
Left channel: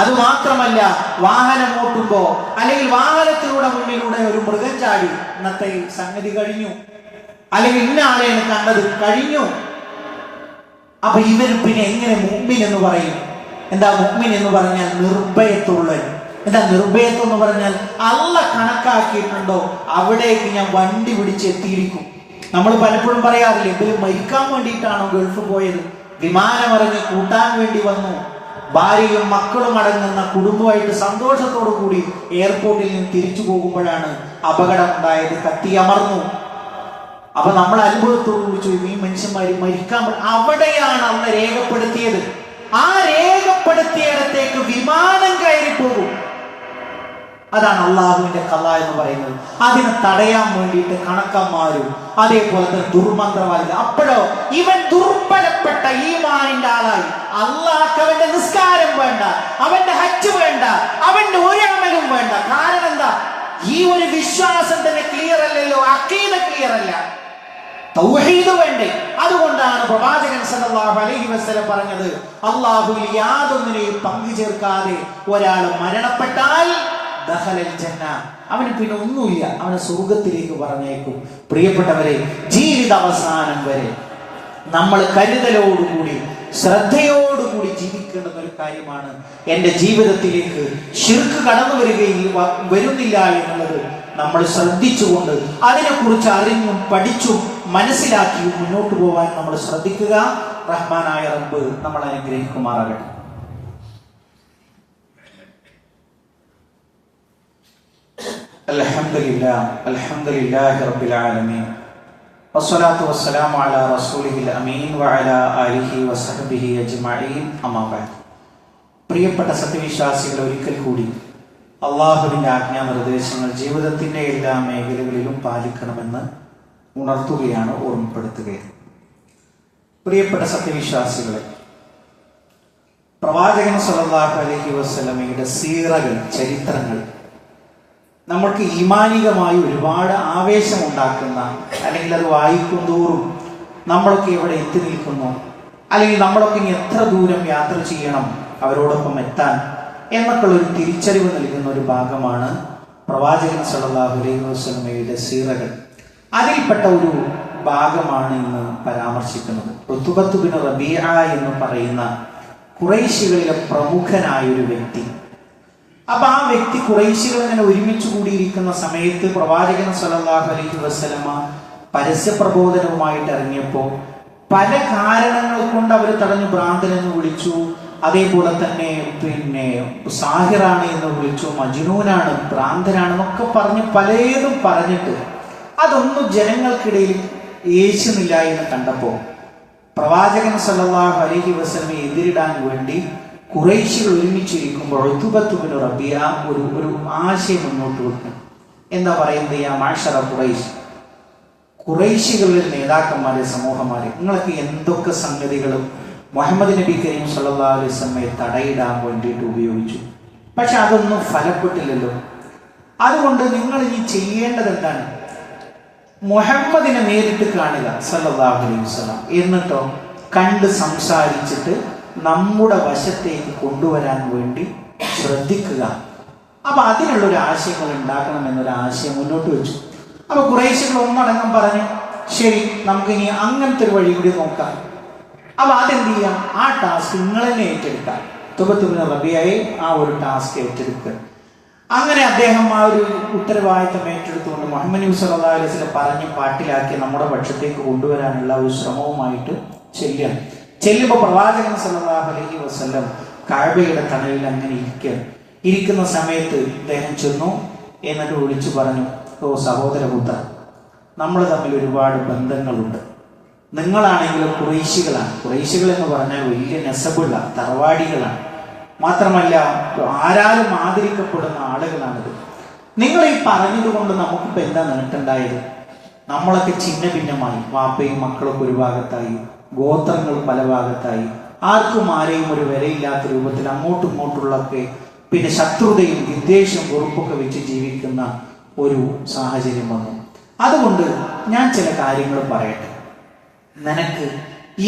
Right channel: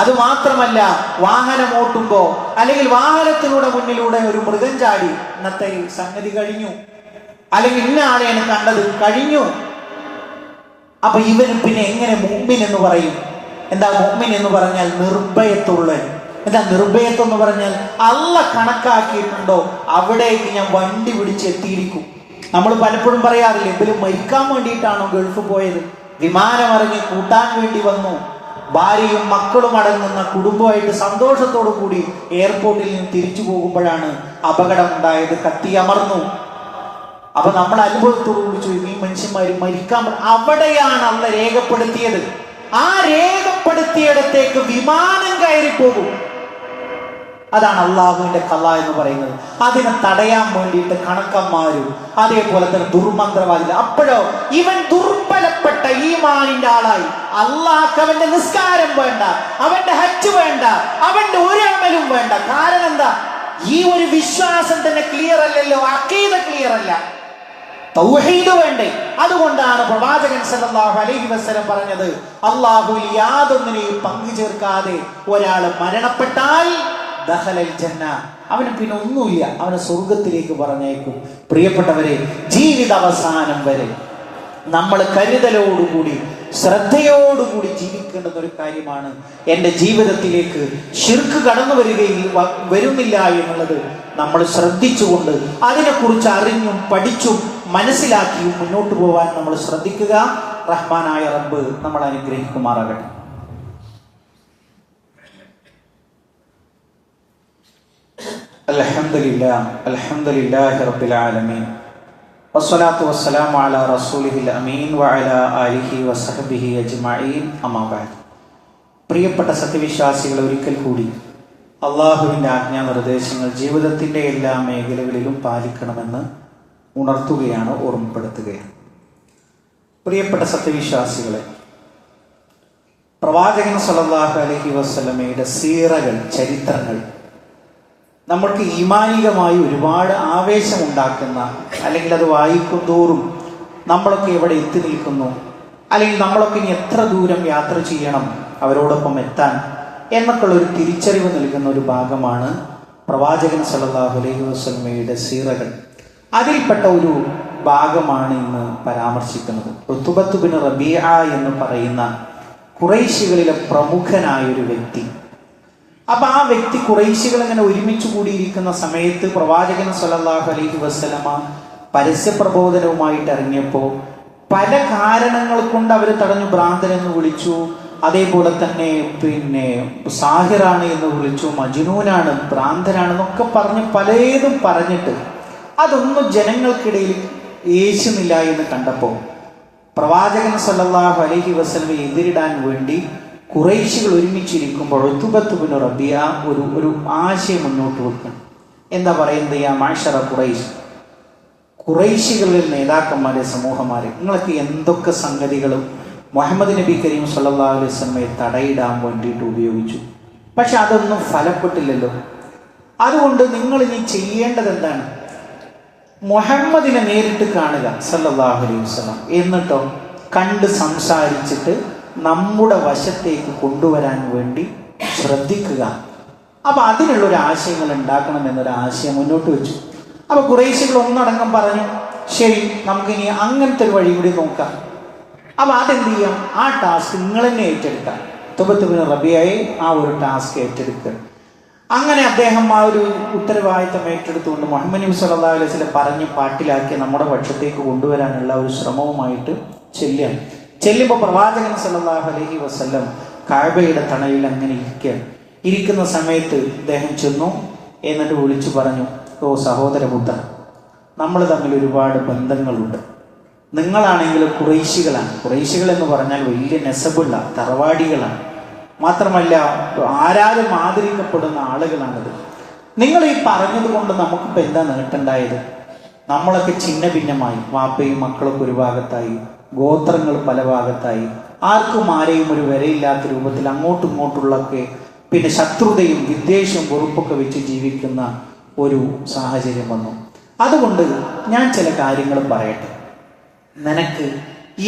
അത് മാത്രമല്ല, വാഹനം ഓട്ടുമ്പോ അല്ലെങ്കിൽ വാഹനത്തിലൂടെ മുന്നിലൂടെ ഒരു മൃഗം ചാടി, ഇന്നത്തെ സംഗതി കഴിഞ്ഞു, അല്ലെങ്കിൽ ഇന്ന ആളെയാണ് കണ്ടത്, കഴിഞ്ഞു. അപ്പൊ ഇവന് പിന്നെ എങ്ങനെ മുഅ്മിൻ എന്ന് പറയും? എന്താ മുഅ്മിൻ എന്ന് പറഞ്ഞാൽ? നിർഭയത്തുള്ള. എന്താ നിർഭയത്വം എന്ന് പറഞ്ഞാൽ? അല്ലാഹ് കണക്കാക്കിയിട്ടുണ്ടോ അവിടേക്ക് ഞാൻ വണ്ടി പിടിച്ചെത്തിയിരിക്കും. നമ്മൾ പലപ്പോഴും പറയാറില്ലേ, ഇവര് മരിക്കാൻ വേണ്ടിയിട്ടാണോ ഗൾഫ് പോയത്? വിമാനം ഇറങ്ങി കൂട്ടാൻ വേണ്ടി വന്നു. ഭാര്യയും മക്കളും അടങ്ങുന്ന കുടുംബമായിട്ട് സന്തോഷത്തോടു കൂടി എയർപോർട്ടിൽ നിന്ന് തിരിച്ചു പോകുമ്പോഴാണ് അപകടം ഉണ്ടായത്, കത്തിയമർന്നു. അപ്പൊ നമ്മൾ അനുഭവത്തോടുകൂടി ചോദിക്കും, ഈ മനുഷ്യന്മാര് മരിക്കാൻ അവിടെയാണ് അന്ന് രേഖപ്പെടുത്തിയത്. ആ രേഖപ്പെടുത്തിയിടത്തേക്ക് വിമാനം കയറി പോകും. അതാണ് അള്ളാഹുവിന്റെ ഖളാ എന്ന് പറയുന്നത്. അതിനെ തടയാൻ വേണ്ടിയിട്ട് കണക്കന്മാരും അതേപോലെ തന്നെ ദുർമന്ത്രവാദികൾ. അപ്പോഴോ ഇവൻ ദുർബലപ്പെട്ട ഈമാനിന്റെ ആളായി. അള്ളാഹ്ക്ക് അവന്റെ നിസ്കാരം വേണ്ട, അവന്റെ ഹജ്ജ് വേണ്ട, അവന്റെ ഒരു അമലും വേണ്ട. കാരണം എന്താ? ഈ ഒരു വിശ്വാസം തന്നെ ക്ലിയർ അല്ലല്ലോ, അഖീദ ക്ലിയർ അല്ല, തൗഹീദ് വേണ്ടേ? അതുകൊണ്ടാണ് പ്രവാചകൻ സല്ലല്ലാഹു അലൈഹി വസല്ലം പറഞ്ഞത്, അല്ലാഹുവിൽ യാതൊന്നിനെയും പങ്കു ചേർക്കാതെ ഒരാൾ മരണപ്പെട്ടാൽ ദഖലൽ ജന്ന, അവന് പിന്നെ ഒന്നുമില്ല, അവനെ സ്വർഗത്തിലേക്ക് പറഞ്ഞേക്കും. പ്രിയപ്പെട്ടവരെ, ജീവിത അവസാനം വരെ നമ്മൾ കരുതലോടുകൂടി ശ്രദ്ധയോടുകൂടി ജീവിക്കേണ്ടുന്ന ഒരു കാര്യമാണ്. എൻ്റെ ജീവിതത്തിലേക്ക് ശിർക്ക് കടന്നു വരുന്നില്ല എന്നുള്ളത് നമ്മൾ ശ്രദ്ധിച്ചുകൊണ്ട് അതിനെക്കുറിച്ച് അറിഞ്ഞും പഠിച്ചും മനസ്സിലാക്കിയും മുന്നോട്ട് പോകാൻ നമ്മൾ ശ്രദ്ധിക്കുക. റഹ്മാനായ റബ്ബ് നമ്മൾ അനുഗ്രഹിക്കുമാറാകട്ടെ. അൽഹംദുലില്ലാഹി റബ്ബിൽ ആലമീൻ വസ്സലാത്തു വസ്സലാമു അലാ റസൂലിഹിൽ അമീൻ വഅലാ ആലിഹി വസഹ്ബിഹി അജ്മഈൻ. അമ്മാ ബഅദ്. പ്രിയപ്പെട്ട സത്യവിശ്വാസികൾ, ഒരിക്കൽ കൂടി അള്ളാഹുവിന്റെ ആജ്ഞാനിർദ്ദേശങ്ങൾ ജീവിതത്തിന്റെ എല്ലാ മേഖലകളിലും പാലിക്കണമെന്ന് ഉണർത്തുകയാണ്, ഓർമ്മപ്പെടുത്തുകയാണ്. പ്രിയപ്പെട്ട സത്യവിശ്വാസികളെ, പ്രവാചകൻ സല്ലല്ലാഹു അലൈഹി വസല്ലമയുടെ സീറകൾ, ചരിത്രങ്ങൾ നമ്മൾക്ക് ഈമാനികമായി ഒരുപാട് ആവേശം ഉണ്ടാക്കുന്ന, അല്ലെങ്കിൽ അത് വായിക്കുന്തോറും നമ്മളൊക്കെ എവിടെ എത്തി നിൽക്കുന്നു, അല്ലെങ്കിൽ നമ്മളൊക്കെ ഇനി എത്ര ദൂരം യാത്ര ചെയ്യണം അവരോടൊപ്പം എത്താൻ എന്നൊക്കെയുള്ള ഒരു തിരിച്ചറിവ് നൽകുന്ന ഒരു ഭാഗമാണ് പ്രവാചകൻ സല്ലല്ലാഹു അലൈഹി വസല്ലമയുടെ സീറകൾ. അതിൽപ്പെട്ട ഒരു ഭാഗമാണ് ഇന്ന് പരാമർശിക്കുന്നത്. ഉത്ബത്ത് ബിൻ റബീഅ എന്ന് പറയുന്ന ഖുറൈശികളിലെ പ്രമുഖനായ ഒരു വ്യക്തി. അപ്പൊ ആ വ്യക്തി ഖുറൈശികൾ ഇങ്ങനെ ഒരുമിച്ച് കൂടിയിരിക്കുന്ന സമയത്ത് പ്രവാചകൻ സല്ലല്ലാഹു അലൈഹി വസല്ലമ പരസ്യ പ്രബോധനവുമായിട്ട് ഇറങ്ങിയപ്പോ പല കാരണങ്ങൾ കൊണ്ട് അവര് തടഞ്ഞു. ഭ്രാന്തനെന്ന് വിളിച്ചു, അതേപോലെ തന്നെ സാഹിറാണ് എന്ന് വിളിച്ചു, മജ്നൂനാണ്, ഭ്രാന്തനാണെന്നൊക്കെ പറഞ്ഞ് പലതും പറഞ്ഞിട്ട് അതൊന്നും ജനങ്ങൾക്കിടയിൽ യേശുന്നില്ല എന്ന് കണ്ടപ്പോ പ്രവാചകൻ സല്ലല്ലാഹു അലൈഹി വസല്ലമയെ എതിരിടാൻ വേണ്ടി ഖുറൈശികൾ ഒരുമിച്ചിരിക്കുമ്പോൾ ഉത്ബത്ത് ബിൻ റബീഅ ഒരു ആശയം മുന്നോട്ട് വെക്കണം. എന്താ പറയുന്നത്? യാ മഅ്ശറ ഖുറൈശ്, ഖുറൈശികളുടെ നേതാക്കന്മാരെ, സമൂഹമാരെ, നിങ്ങൾക്ക് എന്തൊക്കെ സംഗതികളും മുഹമ്മദ് നബി കരീം സല്ലല്ലാഹു അലൈഹി വസല്ലമയെ തടയിടാൻ വേണ്ടിയിട്ട് ഉപയോഗിച്ചു, പക്ഷെ അതൊന്നും ഫലപ്പെട്ടില്ലല്ലോ. അതുകൊണ്ട് നിങ്ങൾ ഇനി ചെയ്യേണ്ടത് എന്താണ്? മുഹമ്മദിനെ നേരിട്ട് കാണുക സല്ലല്ലാഹു അലൈഹി വസല്ലം, എന്നിട്ടോ കണ്ട് സംസാരിച്ചിട്ട് നമ്മുടെ വശത്തേക്ക് കൊണ്ടുവരാൻ വേണ്ടി ശ്രദ്ധിക്കുക. അപ്പൊ അതിനുള്ളൊരു ആശയങ്ങൾ ഉണ്ടാക്കണം എന്നൊരു ആശയം മുന്നോട്ട് വെച്ചു. അപ്പൊ ഖുറൈശികൾ ഒന്നടങ്കം പറഞ്ഞു, ശരി, നമുക്കിനി അങ്ങനത്തെ ഒരു വഴി കൂടി നോക്കാം. അപ്പൊ അതെന്ത് ചെയ്യാം? ആ ടാസ്ക് നിങ്ങൾ തന്നെ ഏറ്റെടുക്കാം. ഉത്ബത്ത് ബിൻ റബീഅയെ ആ ഒരു ടാസ്ക് ഏറ്റെടുക്കുക. അങ്ങനെ അദ്ദേഹം ആ ഒരു ഉത്തരവാദിത്തം ഏറ്റെടുത്തുകൊണ്ട് മുഹമ്മദ് നബി സല്ലല്ലാഹു അലൈഹി വസല്ലം പറഞ്ഞ് പാട്ടിലാക്കി നമ്മുടെ പക്ഷത്തേക്ക് കൊണ്ടുവരാനുള്ള ഒരു ശ്രമവുമായിട്ട് ചെല്ലുമ്പോൾ പ്രവാചകൻ സല്ലല്ലാഹു അലൈഹി വസല്ലം കഅബയുടെ തണലിൽ അങ്ങനെ ഇരിക്കുന്ന സമയത്ത് അദ്ദേഹം ചെന്നു. എന്നിട്ട് വിളിച്ചു പറഞ്ഞു, ഓ സഹോദരപുത്ര, നമ്മൾ തമ്മിൽ ഒരുപാട് ബന്ധങ്ങളുണ്ട്. നിങ്ങളാണെങ്കിലും ഖുറൈശികളാണ്. ഖുറൈശികൾ എന്ന് പറഞ്ഞാൽ വലിയ നെസബുള്ള തറവാടികളാണ്. മാത്രമല്ല ആരാലും ആദരിക്കപ്പെടുന്ന ആളുകളാണിത്. നിങ്ങൾ ഈ പറഞ്ഞത് കൊണ്ട് നമുക്കിപ്പോൾ എന്താ നേട്ടമുണ്ടായത്? നമ്മളൊക്കെ ഛിന്ന ഭിന്നമായി, വാപ്പയും മക്കളൊക്കെ ഒരു ഭാഗത്തായി, ഗോത്രങ്ങൾ പല ഭാഗത്തായി, ആർക്കും ആരെയും ഒരു വിലയില്ലാത്ത രൂപത്തിൽ അങ്ങോട്ടും ഇങ്ങോട്ടുള്ളൊക്കെ പിന്നെ ശത്രുതയും വിദ്വേഷവും വെറുപ്പൊക്കെ വെച്ച് ജീവിക്കുന്ന ഒരു സാഹചര്യം വന്നു. അതുകൊണ്ട് ഞാൻ ചില കാര്യങ്ങൾ പറയട്ടെ. നിനക്ക്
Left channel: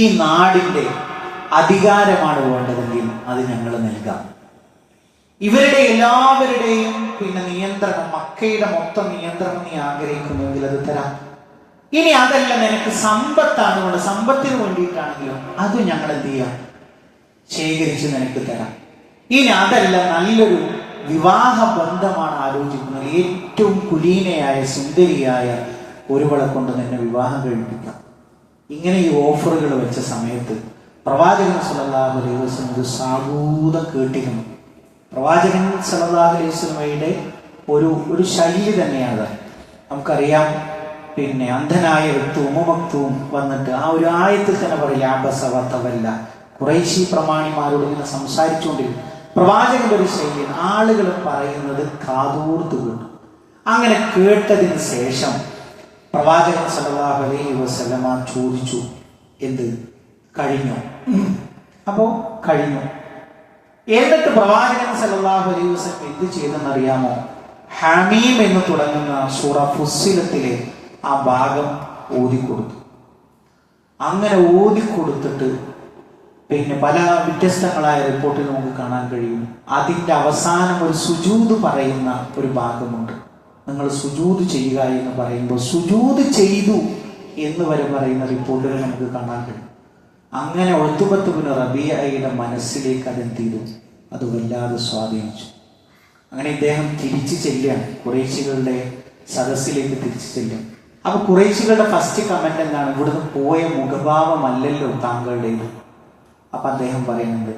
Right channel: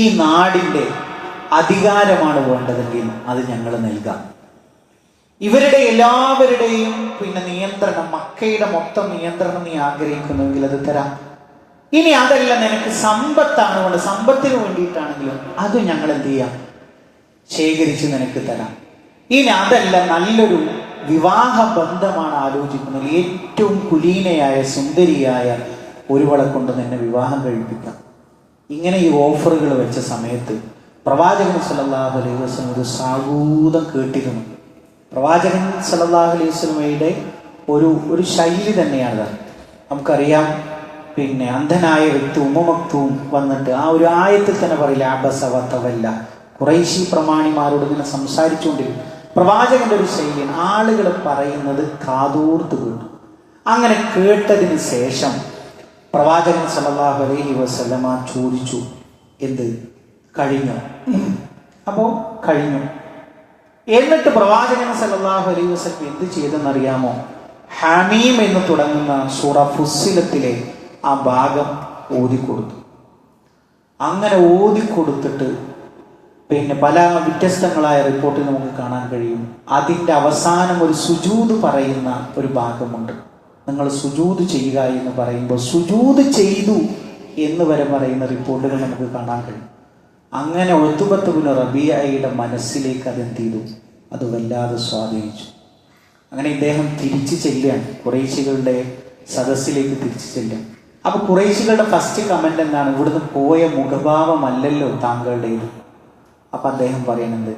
ഈ നാടിന്റെ അധികാരമാണ് വേണ്ടതെങ്കിൽ അത് ഞങ്ങൾ നൽകാം. ഇവരുടെ എല്ലാവരുടെയും പിന്നെ നിയന്ത്രണം, മക്കയുടെ മൊത്തം നിയന്ത്രണം നീ ആഗ്രഹിക്കുന്നുവെങ്കിൽ അത് തരാം. ഇനി അതല്ല, നിനക്ക് സമ്പത്താണ് വേണ്ടത്, സമ്പത്തിന് വേണ്ടിയിട്ടാണെങ്കിലും അത് ഞങ്ങൾ എന്ത് ചെയ്യാം, ശേഖരിച്ച് നിനക്ക് തരാം. ഇനി അതല്ല, നല്ലൊരു വിവാഹ ബന്ധമാണ് ആലോചിക്കുന്നത്, ഏറ്റവും കുലീനയായ സുന്ദരിയായ ഒരുവളെ കൊണ്ട് നിന്നെ വിവാഹം കഴിപ്പിക്കാം. ഇങ്ങനെ ഈ ഓഫറുകൾ വെച്ച സമയത്ത് പ്രവാചകൻ സല്ലല്ലാഹു അലൈഹി വസല്ലം ഒരു സാഗൂതം കേട്ടിരുന്നു. പ്രവാചകൻ സല്ലല്ലാഹു അലൈഹി വസല്ലമയുടെ ഒരു ശൈലി തന്നെയാണ്. നമുക്കറിയാം, പിന്നെ അന്ധനായ വ്യക്തി ഉമ്മമക്തും വന്നിട്ട് ആ ഒരു ആയത്തിൽ തന്നെ പറയില്ല, അബസ വതവല്ല, ഖുറൈശി പ്രമാണിമാരോട് ഇങ്ങനെ സംസാരിച്ചുകൊണ്ടിരിക്കും. പ്രവാചകന്റെ ഒരു ശൈലി, ആളുകൾ പറയുന്നത് കാതോർത്ത് കേട്ടു. അങ്ങനെ കേട്ടതിന് ശേഷം പ്രവാചകൻ സല്ലല്ലാഹു അലൈഹി വസല്ലമ ചോദിച്ചു, എന്ത് കഴിഞ്ഞോ? അപ്പോ കഴിഞ്ഞു. എന്നിട്ട് പ്രവാചകൻ സല്ലല്ലാഹു അലൈഹി വസല്ലം എന്ത് ചെയ്തെന്നറിയാമോ? ഹമീം എന്ന് തുടങ്ങുന്ന സൂറ ഫുസ്സിലത്തിലെ ആ ഭാഗം ഓതിക്കൊടുത്തു. അങ്ങനെ ഓതിക്കൊടുത്തിട്ട് പിന്നെ പല വ്യത്യസ്തങ്ങളായ റിപ്പോർട്ടിൽ നമുക്ക് കാണാൻ കഴിയും. അതിൻ്റെ അവസാനം ഒരു സുജൂദ് പറയുന്ന ഒരു ഭാഗമുണ്ട്. നിങ്ങൾ സുജൂദ് ചെയ്യുക എന്ന് പറയുമ്പോൾ സുജൂദ് ചെയ്തു എന്ന് വരെ പറയുന്ന റിപ്പോർട്ടുകൾ നമുക്ക് കാണാൻ കഴിയും. അങ്ങനെ ഉത്ബത്ത് ബിൻ റബീഅയുടെ മനസ്സിലേക്ക് അതെന്ത് ചെയ്തു? അത് വല്ലാതെ സ്വാധീനിച്ചു. അങ്ങനെ ഇദ്ദേഹം തിരിച്ചു ചെല്ലുകയാണ്, ഖുറൈശികളുടെ സദസ്സിലേക്ക് തിരിച്ചു ചെല്ലും. അപ്പൊ ഖുറൈശികളുടെ ഫസ്റ്റ് കമന്റ് എന്താണ്? ഇവിടുന്ന് പോയ മുഖഭാവമല്ലല്ലോ താങ്കളുടേത്. അപ്പൊ അദ്ദേഹം പറയുന്നത്,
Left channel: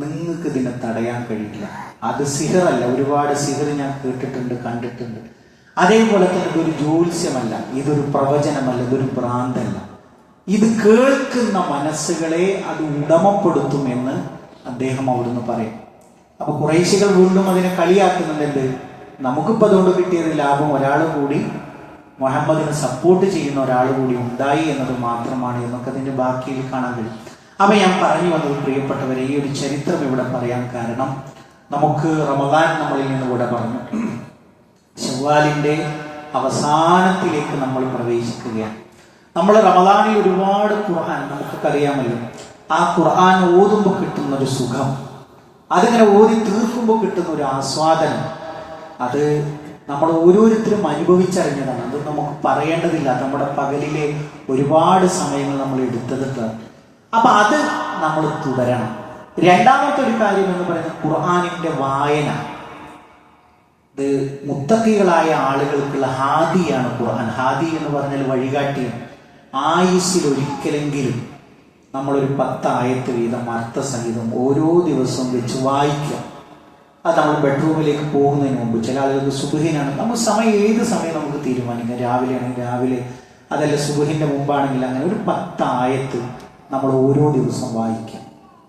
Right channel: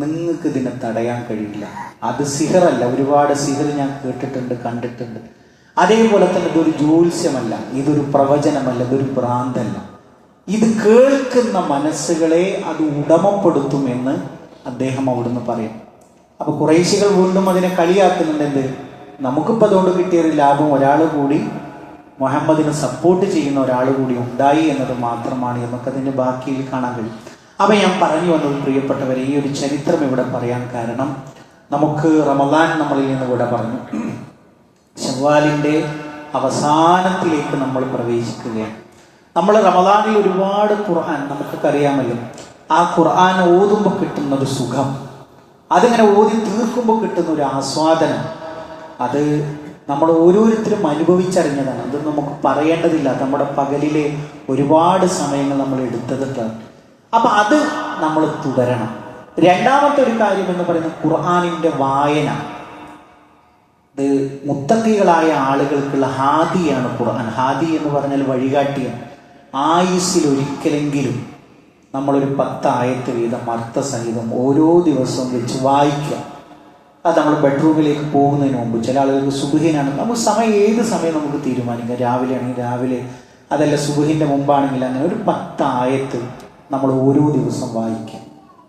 നിങ്ങൾക്ക് ഇതിനെ തടയാൻ കഴിയില്ല, അത് സിഹറല്ല. ഒരുപാട് സിഹർ ഞാൻ കേട്ടിട്ടുണ്ട്, കണ്ടിട്ടുണ്ട്. അതേപോലെ തന്നെ ഇതൊരു ജ്യോത്സ്യമല്ല, ഇതൊരു പ്രവചനമല്ല, ഇതൊരു ഭ്രാന്തല്ല. ഇത് കേൾക്കുന്ന മനസ്സുകളെ അത് ഉടമപ്പെടുത്തുമെന്ന് അദ്ദേഹം അവിടുന്ന് പറയും. അപ്പൊ ഖുറൈശികൾ വീണ്ടും അതിനെ കളിയാക്കുന്നുണ്ട്. നമുക്കിപ്പോൾ അതുകൊണ്ട് കിട്ടിയൊരു ലാഭം ഒരാൾ കൂടി മുഹമ്മദിനെ സപ്പോർട്ട് ചെയ്യുന്ന ഒരാൾ കൂടി ഉണ്ടായി എന്നത് മാത്രമാണ് എന്നൊക്കെ അതിന്റെ ബാക്കിയിൽ കാണാൻ കഴിയും. അപ്പൊ ഞാൻ പറഞ്ഞു വന്നത്, പ്രിയപ്പെട്ടവരെ, ഈ ഒരു ചരിത്രം ഇവിടെ പറയാൻ കാരണം, നമുക്ക് റമദാൻ നമ്മളിൽ നിന്ന് കൂടെ പറഞ്ഞു, ശവ്വാലിന്റെ അവസാനത്തിലേക്ക് നമ്മൾ പ്രവേശിക്കുകയാണ്. നമ്മൾ റമദാനിൽ ഒരുപാട് ഖുർആൻ നമുക്കൊക്കെ അറിയാമല്ലോ. ആ ഖുർആൻ ഓതുമ്പോൾ കിട്ടുന്ന ഒരു സുഖം, അതിങ്ങനെ ഓതി തീർക്കുമ്പോൾ കിട്ടുന്ന ഒരു ആസ്വാദനം, അത് നമ്മൾ ഓരോരുത്തരും അനുഭവിച്ചറിഞ്ഞതാണ്. അത് നമുക്ക് പറയേണ്ടതില്ല. നമ്മുടെ പകലിലെ ഒരുപാട് സമയങ്ങൾ നമ്മൾ എടുത്തതിട്ടാണ്. അപ്പൊ അത് നമ്മൾ തുടരണം. രണ്ടാമത്തെ ഒരു കാര്യം എന്ന് പറയുന്നത് ഖുർആനിന്റെ വായന. ഇത് മുത്തഖികളായ ആളുകൾക്കുള്ള ഹാദിയാണ് ഖുർആൻ. ഹാദി എന്ന് പറഞ്ഞാൽ വഴികാട്ടിയാണ്. ആയുസ്സിൽ ഒരിക്കലെങ്കിലും നമ്മളൊരു 10 ആയത്ത് വീതം അർത്ഥസഹിതം ഓരോ ദിവസവും വെച്ച് വായിക്കുക. അത് നമ്മൾ ബെഡ്റൂമിലേക്ക് പോകുന്നതിന് മുമ്പ്, ചില ആളുകൾക്ക് സുബഹിനാണ്, നമ്മൾ സമയം ഏത് സമയം നമുക്ക് തീരുമാനിക്കാം. രാവിലെ ആണെങ്കിൽ രാവിലെ, അതല്ല സുബഹിന്റെ മുമ്പാണെങ്കിൽ അങ്ങനെ ഒരു 10 ആയത്ത് നമ്മൾ ഓരോ ദിവസം വായിക്കും.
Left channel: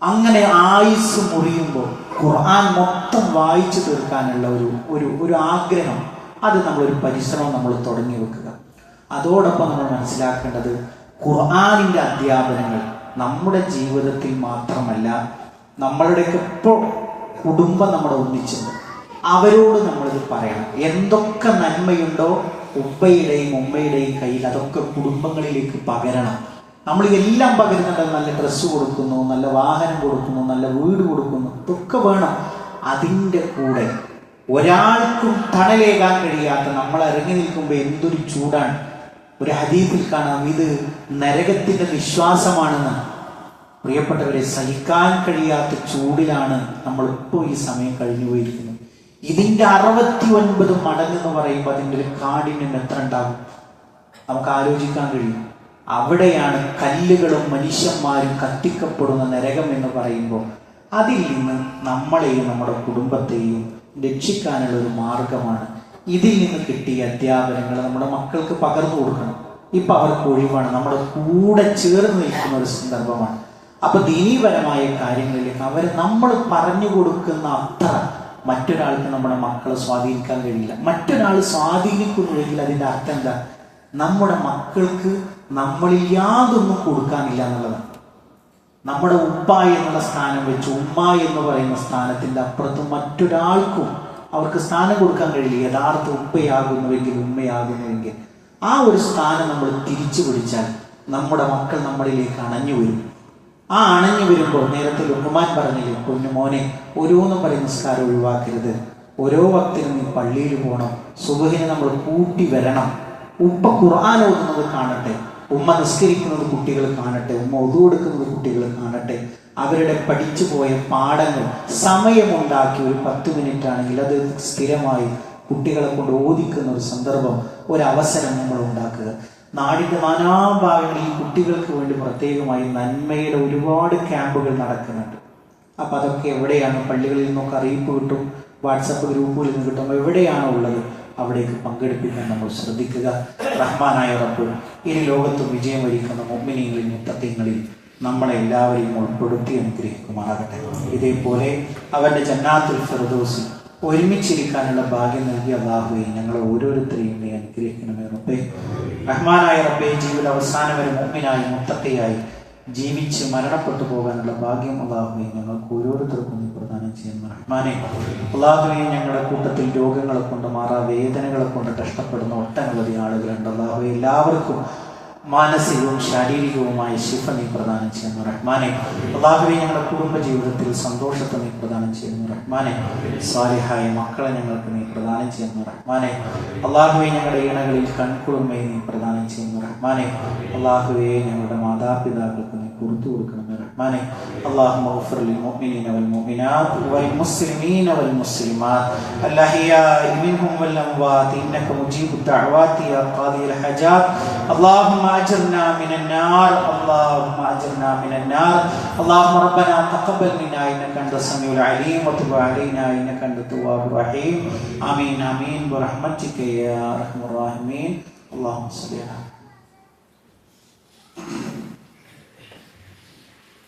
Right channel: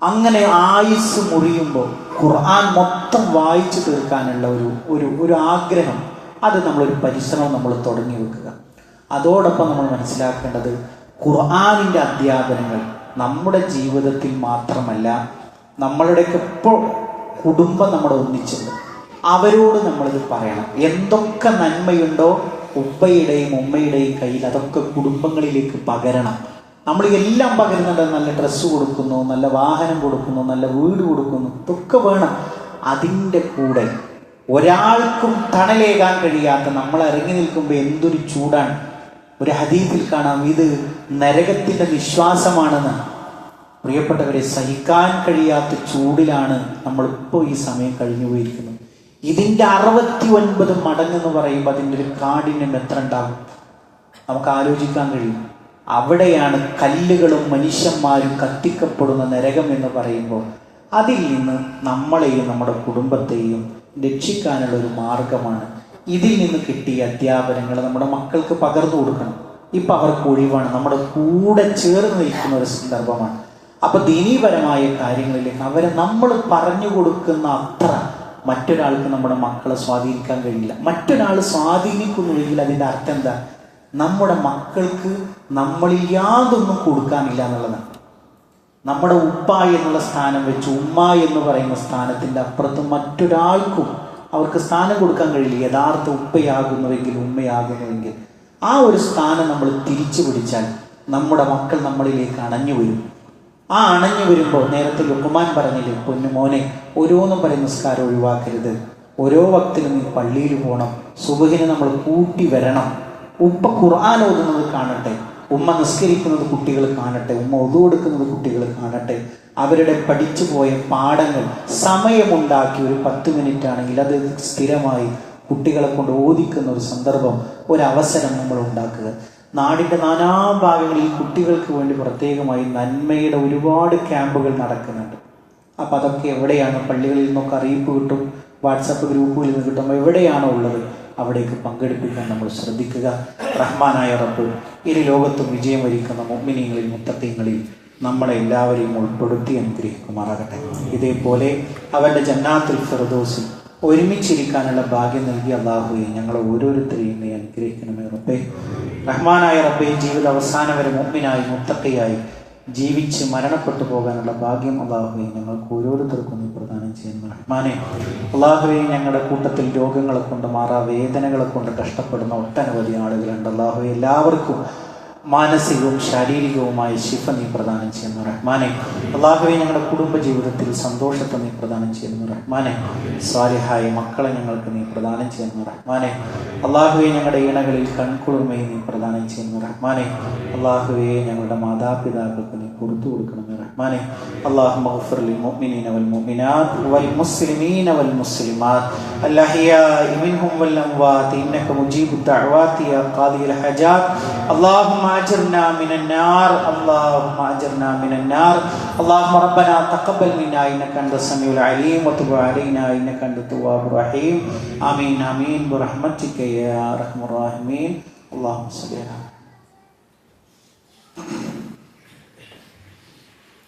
അങ്ങനെ ആയുസ് മുറിയുമ്പോൾ ഖുർആൻ മൊത്തം വായിച്ചു തീർക്കാനുള്ള ഒരു ആഗ്രഹം, അത് നമ്മളൊരു പരിശ്രമം നമ്മൾ തുടങ്ങി വെക്കുക. അതോടൊപ്പം നമ്മൾ മനസ്സിലാക്കേണ്ടത്, ഖുർആനിന്റെ അധ്യാപനങ്ങൾ നമ്മുടെ ജീവിതത്തിൽ മാത്രമല്ല, നമ്മളുടെയൊക്കെ ഇപ്പോൾ കുടുംബം നമ്മുടെ ഒന്നിച്ചുണ്ട്, അവരോട് നമ്മളിത് പറയണം. എന്തൊക്കെ നന്മയുണ്ടോ ഉപ്പയുടെയും ഉമ്മയുടെയും കയ്യിൽ, അതൊക്കെ കുടുംബങ്ങളിലേക്ക് പകരണം. നമ്മൾ എല്ലാം പകരുന്നുണ്ട്. നല്ല ഡ്രസ്സ് കൊടുക്കുന്നു, നല്ല വാഹനം കൊടുക്കുന്നു, നല്ല വീട് കൊടുക്കുന്നു, ഇതൊക്കെ വേണം. അതിൻ്റെ കൂടെ ഒരാൾക്കും തണലേകാൻ കഴിയാത്ത നമ്മൾ ഇറങ്ങി നിൽക്കുമ്പോൾ എന്തൊരു ചൂടാണ്. ഒരു ഹദീസിൽ കാണാം, ഇത് നരകത്തിന്റെ വിശ്വാസമാണെന്ന്. പ്രിയപ്പെട്ടവരെ, സഹിക്കാൻ കഴിയാത്ത ചൂടിലാണ് നമ്മളിപ്പോൾ ഈ സമയം കഴിഞ്ഞു പോയിരിക്കുന്നത്. ഇതിന്റെ 69 മടങ്ങെന്ന് പറയുമ്പോൾ അതിൻ്റെ ഒരു കാഠിന്യം എത്ര ഉണ്ടാകും നമുക്ക് ആലോചിക്കാൻ കഴിയും. അവിടെയാണ് കല്ലുകളും മനുഷ്യന്മാരും കത്തിക്കപ്പെടുന്ന നരകം എന്ന് പറയുമ്പോൾ, അതിൽ നിന്ന് നമ്മളെയും നമ്മുടെ കുടുംബത്തെയും രക്ഷിക്കാനുള്ള ഒരു മാർഗമാണ്. ഇതിൽ നിന്ന് കിട്ടിയ അധ്യാപനങ്ങൾ നമ്മുടെ മക്കൾക്ക് പകർന്നു കൊടുക്കണം. ഇപ്പൊ അവർക്ക് ഒഴിവാണ്, നമ്മുടെ കൂടെ ചേർന്ന് നിൽക്കുന്ന ഒരു സന്ദർഭമാണ്. അപ്പൊ ദീനീപരമായ കാര്യങ്ങളിലേക്ക് അവരെ നമ്മൾ പറഞ്ഞു കൊടുക്കുന്ന അത്ര മറ്റൊരാൾക്ക് നമ്മുടെ മക്കളെ സ്വാധീനിക്കാൻ കഴിയില്ല. മറ്റൊരാൾ സ്വാധീനിക്കുന്നുവെങ്കിൽ അതിന്റെ അർത്ഥം എന്താ? നമ്മുടെ മക്കൾക്ക് നമ്മളിൽ യാതൊന്നും കൊടുക്കാനില്ല എന്നുള്ളതാണ്. നമ്മുടെ ഉപ്പ എന്നുള്ള സ്ഥാനം വെച്ച് ഉമ്മ എന്ന് പറയുന്ന സ്ഥാനത്തിന്റെ അപ്പുറത്ത് മറ്റൊരാൾക്കും അവർക്ക് സ്ഥാനം കൊടുക്കാൻ കഴിയില്ല. യഥാർത്ഥ ഉപ്പയാകുന്നുവെങ്കിൽ, ഉമ്മയാകുന്നുവെങ്കിൽ ആ ഒരു സ്ഥാനം നമ്മൾ തിരിച്ചു പിടിച്ചാൽ നമ്മുടെ മക്കൾ നമ്മളിലേക്ക് അണഞ്ഞു വരും. ആ അണഞ്ഞു വരുമ്പോൾ, നേരത്തെ ലുഖ്മാൻ പറഞ്ഞില്ലേ, പൊന്നു മോനെ, ഓരോന്നും പറയും നിസ്കാരം ഒഴിവാക്കരുത്, ഓരോ വക്തിനും നീ പള്ളിയിൽ പോകണം, സുബഹിന് നമ്മൾ കൂട്ടി വരണം. ഉപ്പ ഖുർആൻ ഓതുന്നത് കാണട്ടെ, ഉമ്മ നിസ്കരിക്കുന്നത് കുട്ടികൾ കാണട്ടെ, ഉമ്മ ഒതു കൊടുക്കുന്നത് കുട്ടികൾ കാണട്ടെ. അവരുടെ പഠിച്ചു പോയ പാഠങ്ങൾ സമയമുണ്ടാക്കി ഒരു 10 മിനിറ്റ് ആണെങ്കിൽ അത് സ്ഥിരമായി കുട്ടികളെ കൊണ്ട് ഓദിക്കുന്ന ഒരു സന്ദർഭം, ഒരവസരം നമ്മൾ ഉണ്ടാക്കുക. നാടിന്റെ നാനാഭാഗങ്ങളിൽ കുട്ടികൾക്ക് വേണ്ടി പ്രത്യേകമായി നന്മയുടെ ഒരുപാട് ക്യാമ്പുകൾ നടക്കുന്നുണ്ട്. അപ്പൊ അതൊക്കെ എവിടെയാണ്? പള്ളികളിൽ നിന്നൊക്കെ അറിയിപ്പ് കിട്ടും, വാട്സപ്പ് ഗ്രൂപ്പുകളിൽ നിന്ന് കിട്ടും. എവിടെയാണോ ഉള്ളത് അവിടേക്ക് പങ്കെടുപ്പിക്കാൻ നമ്മൾ ശ്രദ്ധിക്കുക. റഹ്മാനായ റബ്ബ് ഇനി ലോകത്തും വിജയം വരിക്കുന്ന മുഅ്മിനീങ്ങളിൽ മുത്തഖീങ്ങളിൽ നമ്മളെ എല്ലാവരെയും ഉൾപ്പെടുത്തി അനുഗ്രഹിക്കുമാറാകട്ടെ. ഇതേപോലെ അവന്റെ ജന്നാത്തുൽ ഫിർദൗസിൽ ഒരുമിച്ചിരിക്കാനുള്ള ഭാഗ്യം നൽകിയ അല്ലാഹുവേ, ഞങ്ങളെ ഓരോരുത്തരെയും നീ അനുഗ്രഹിക്കണമേ റബ്ബേ. റഹ്മാനായ റബ്ബേ, ജീവിത അവസാനം വരെ മുഅ്മിനായി മുത്തഖിയായി ജീവിച്ച് മരണപ്പെട്ടു പോകാനുള്ള ഭാഗ്യം അല്ലാഹുവേ ഞങ്ങൾക്ക് ഓരോരുത്തർക്കും നീ പ്രദാനം ചെയ്യുന്ന റഹ്മാനെ. അല്ലാഹുവേ, ഞങ്ങളുടെ കൂട്ടത്തിൽ രോഗങ്ങളെ കൊണ്ട് വേദനകളെ കൊണ്ട് കഷ്ടപ്പെടുന്ന ഒട്ടനവധി ആളുകളുണ്ട്. അല്ലാഹുവേ, എല്ലാവർക്കും മാനസികവും ശാരീരികവുമായ ശിഫ നീ പ്രദാനം ചെയ്യുന്നു റഹ്മാനെ. അല്ലാഹുവേ, ഞങ്ങളുടെ കുടുംബ ജീവിതത്തിൽ സന്തോഷത്തെ നീ പ്രദാനം ചെയ്യുന്നു റഹ്മാനെ. സാലിഹായ മക്കളെ ഞങ്ങൾക്ക് നീ പ്രദാനം ചെയ്യുന്നു റഹ്മാനെ. അല്ലാഹുവേ, ഞങ്ങളുടെ ഇണകളിൽ കൺകുളിർമയെ നീ പ്രദാനം ചെയ്യുന്നു റഹ്മാനെ. അല്ലാഹുവേ, ഞങ്ങളുടെ മാതാപിതാക്കൾക്ക് നീ പുറത്തു കൊടുക്കണമെന്ന് റഹ്മാനെ. അല്ലാഹുമ്മ ഗ്ഫിർ ലിൽ മുഅ്മിനീന വൽ മുഅ്മിനാത്ത് വൽ മുസ്ലിമീന വൽ മുസ്ലിമാത്ത് അൽഅഹ്യാഇ മിൻഹും വൽ അംവാത്ത് ഇന്നക മുജീബുദ് ദഅവാതി യാ ഖാദിയൽ ഹജാത്ത്. അല്ലാഹുമ്മ أجرنا من النار اللهم أجرنا من النار اللهم ربنا تقبل منا إنك أنت السميع العليم وتب علينا إنك أنت التواب الرحيم آمين آمين برحمتك يا أرحم الراحمين اللهم صل على